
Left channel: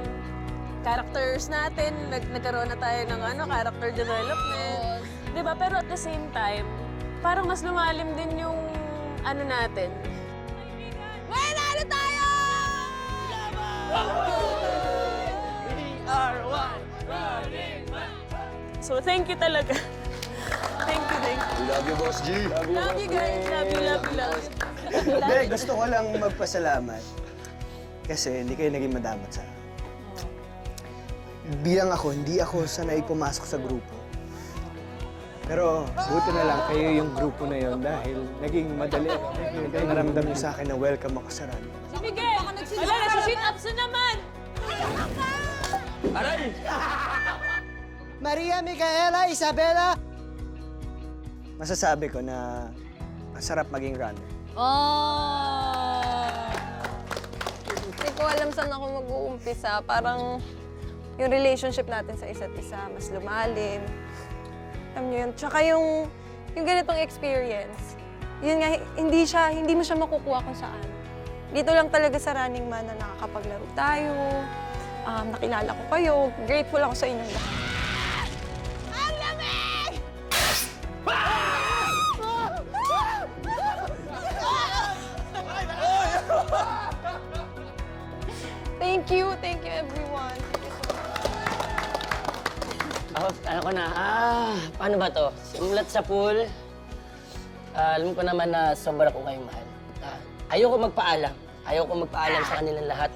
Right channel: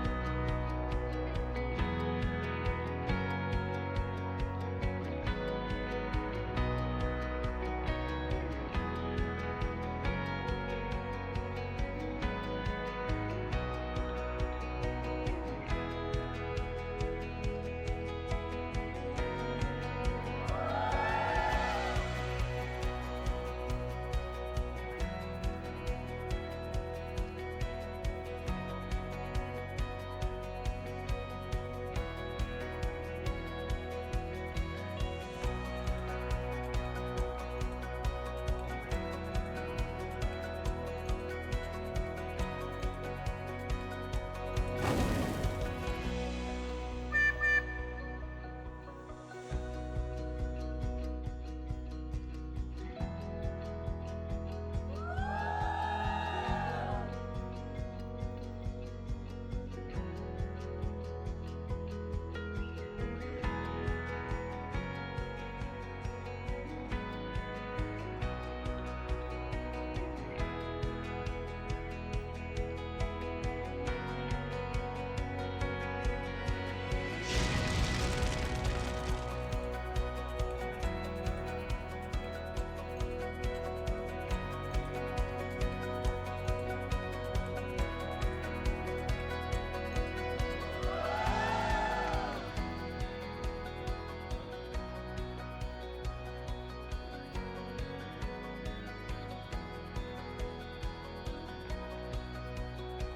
characters natin, nagkaroon na tayo ng character development. Diba? Pero at the same time, parang mas lumalim din yung natin. Manalo tayo! So, thank you talaga. Thank you. Love you, Boss G. Love you guys. Love you. Hindi, gusto ko lang magpasalamat. Kasi hindi kayo naging madamot sa akin. Bilang ako, hindi ako sanay pumasok sa grupo. Pero buti na lang kayo yung grupo na yon dahil naging madali. Naramdam niyo sa akin na welcome ako sa run. Si Miguel! Wala na, si sit-ups na naman! Maria, Micaela, Isabela! Masasabi ko na masarap maging runner. Hindi ko alam saan ako mag-uumpisa. Parang yung relationship natin sa isa't isa, mas lumalim. Alam niyo yun. Tsaka yung ganitong experience, yun nga, hindi mo siya makukuha kung saan. Dito lang talaga sa Running Man na nakakapaglaro tayo, nakilala ko kayo, grateful ako sa inyo. Ang lamig! Thank you everyone. Ako na, paano ba to? Simulat sa pool. Alam ko naman na sobra ko kayong mahal. Ayoko magpaalam. Ayoko magpaalam sa kanilang lahat.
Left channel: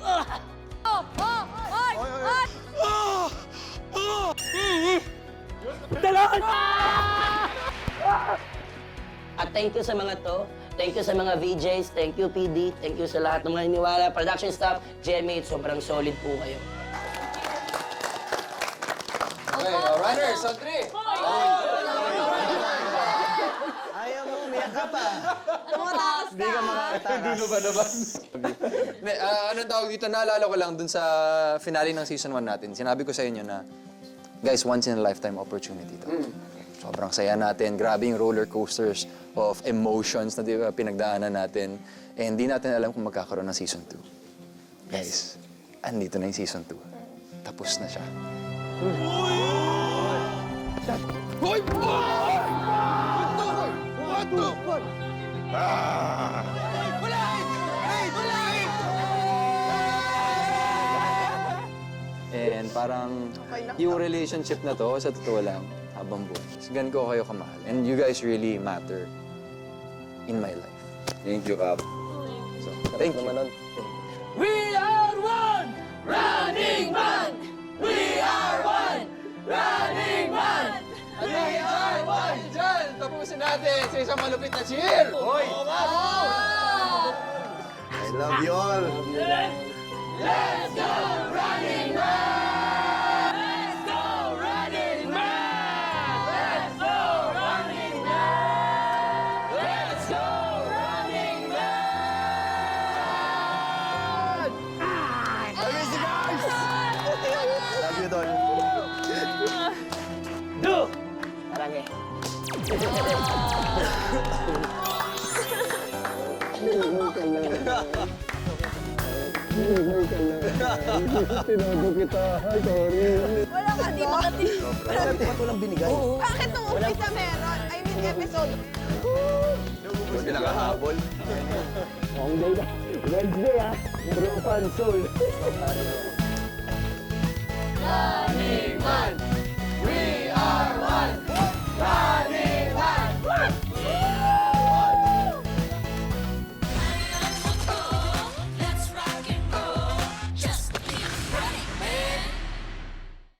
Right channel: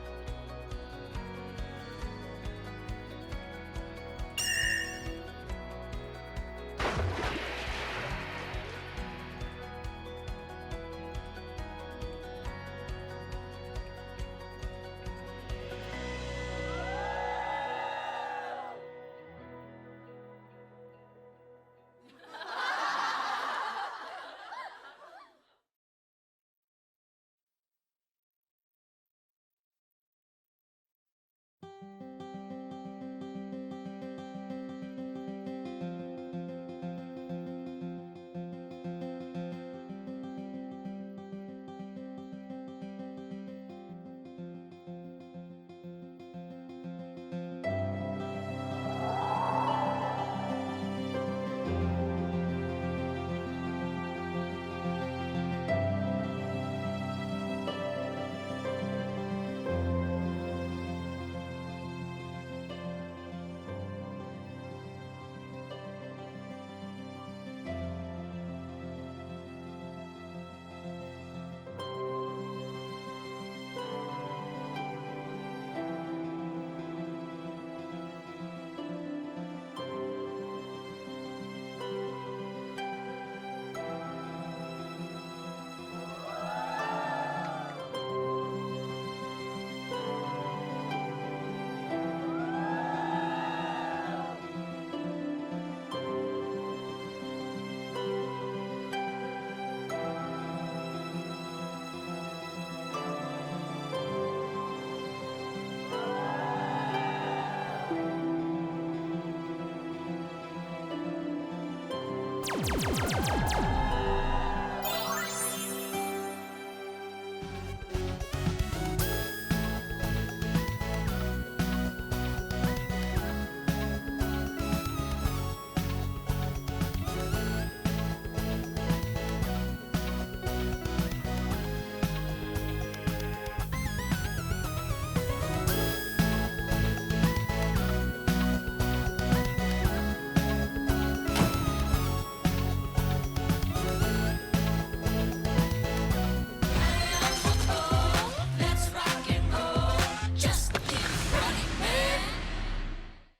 At thank you sa mga to. Thank you sa mga VJs. Thank you, PD. Thank you sa lahat ng mga hiniwala. Production staff, GMA, sobrang solid po kayo. Okay, runners, on 3. Ayaw mo, umiyak ka pa. Hindi mo ba naman? Anong tawag dito? Naalala ko lang dun sa finale ng season 1 natin. Sinabi ko sa inyo na, guys, once in a lifetime opportunity to. Sobrang saya natin. Grabe yung roller coasters of emotions na pinagdaanan natin. Eh, hindi natin alam kung magkakaroon ng season 2. Guys, andito na yung season 2. Tapos na siya. And parang yung relationship na to, sa totoo lang, Bamboo. Gan ko kayo kamahal. And you guys really matter in my life. Thank you, Kap. So, thank you. We are one! Running Man! We are one! Running Man! At dyan, tapusin natin sa isang malupit na cheer! Hoy! I love you all. Let's go Running Man! Let's go Running Man! Let's go Running Man! Let's go Running Man! Love you, Don. Wala ka, di ba? Bakit nung umpisa meron? I mean, episode. Pinakahabol. Running Man!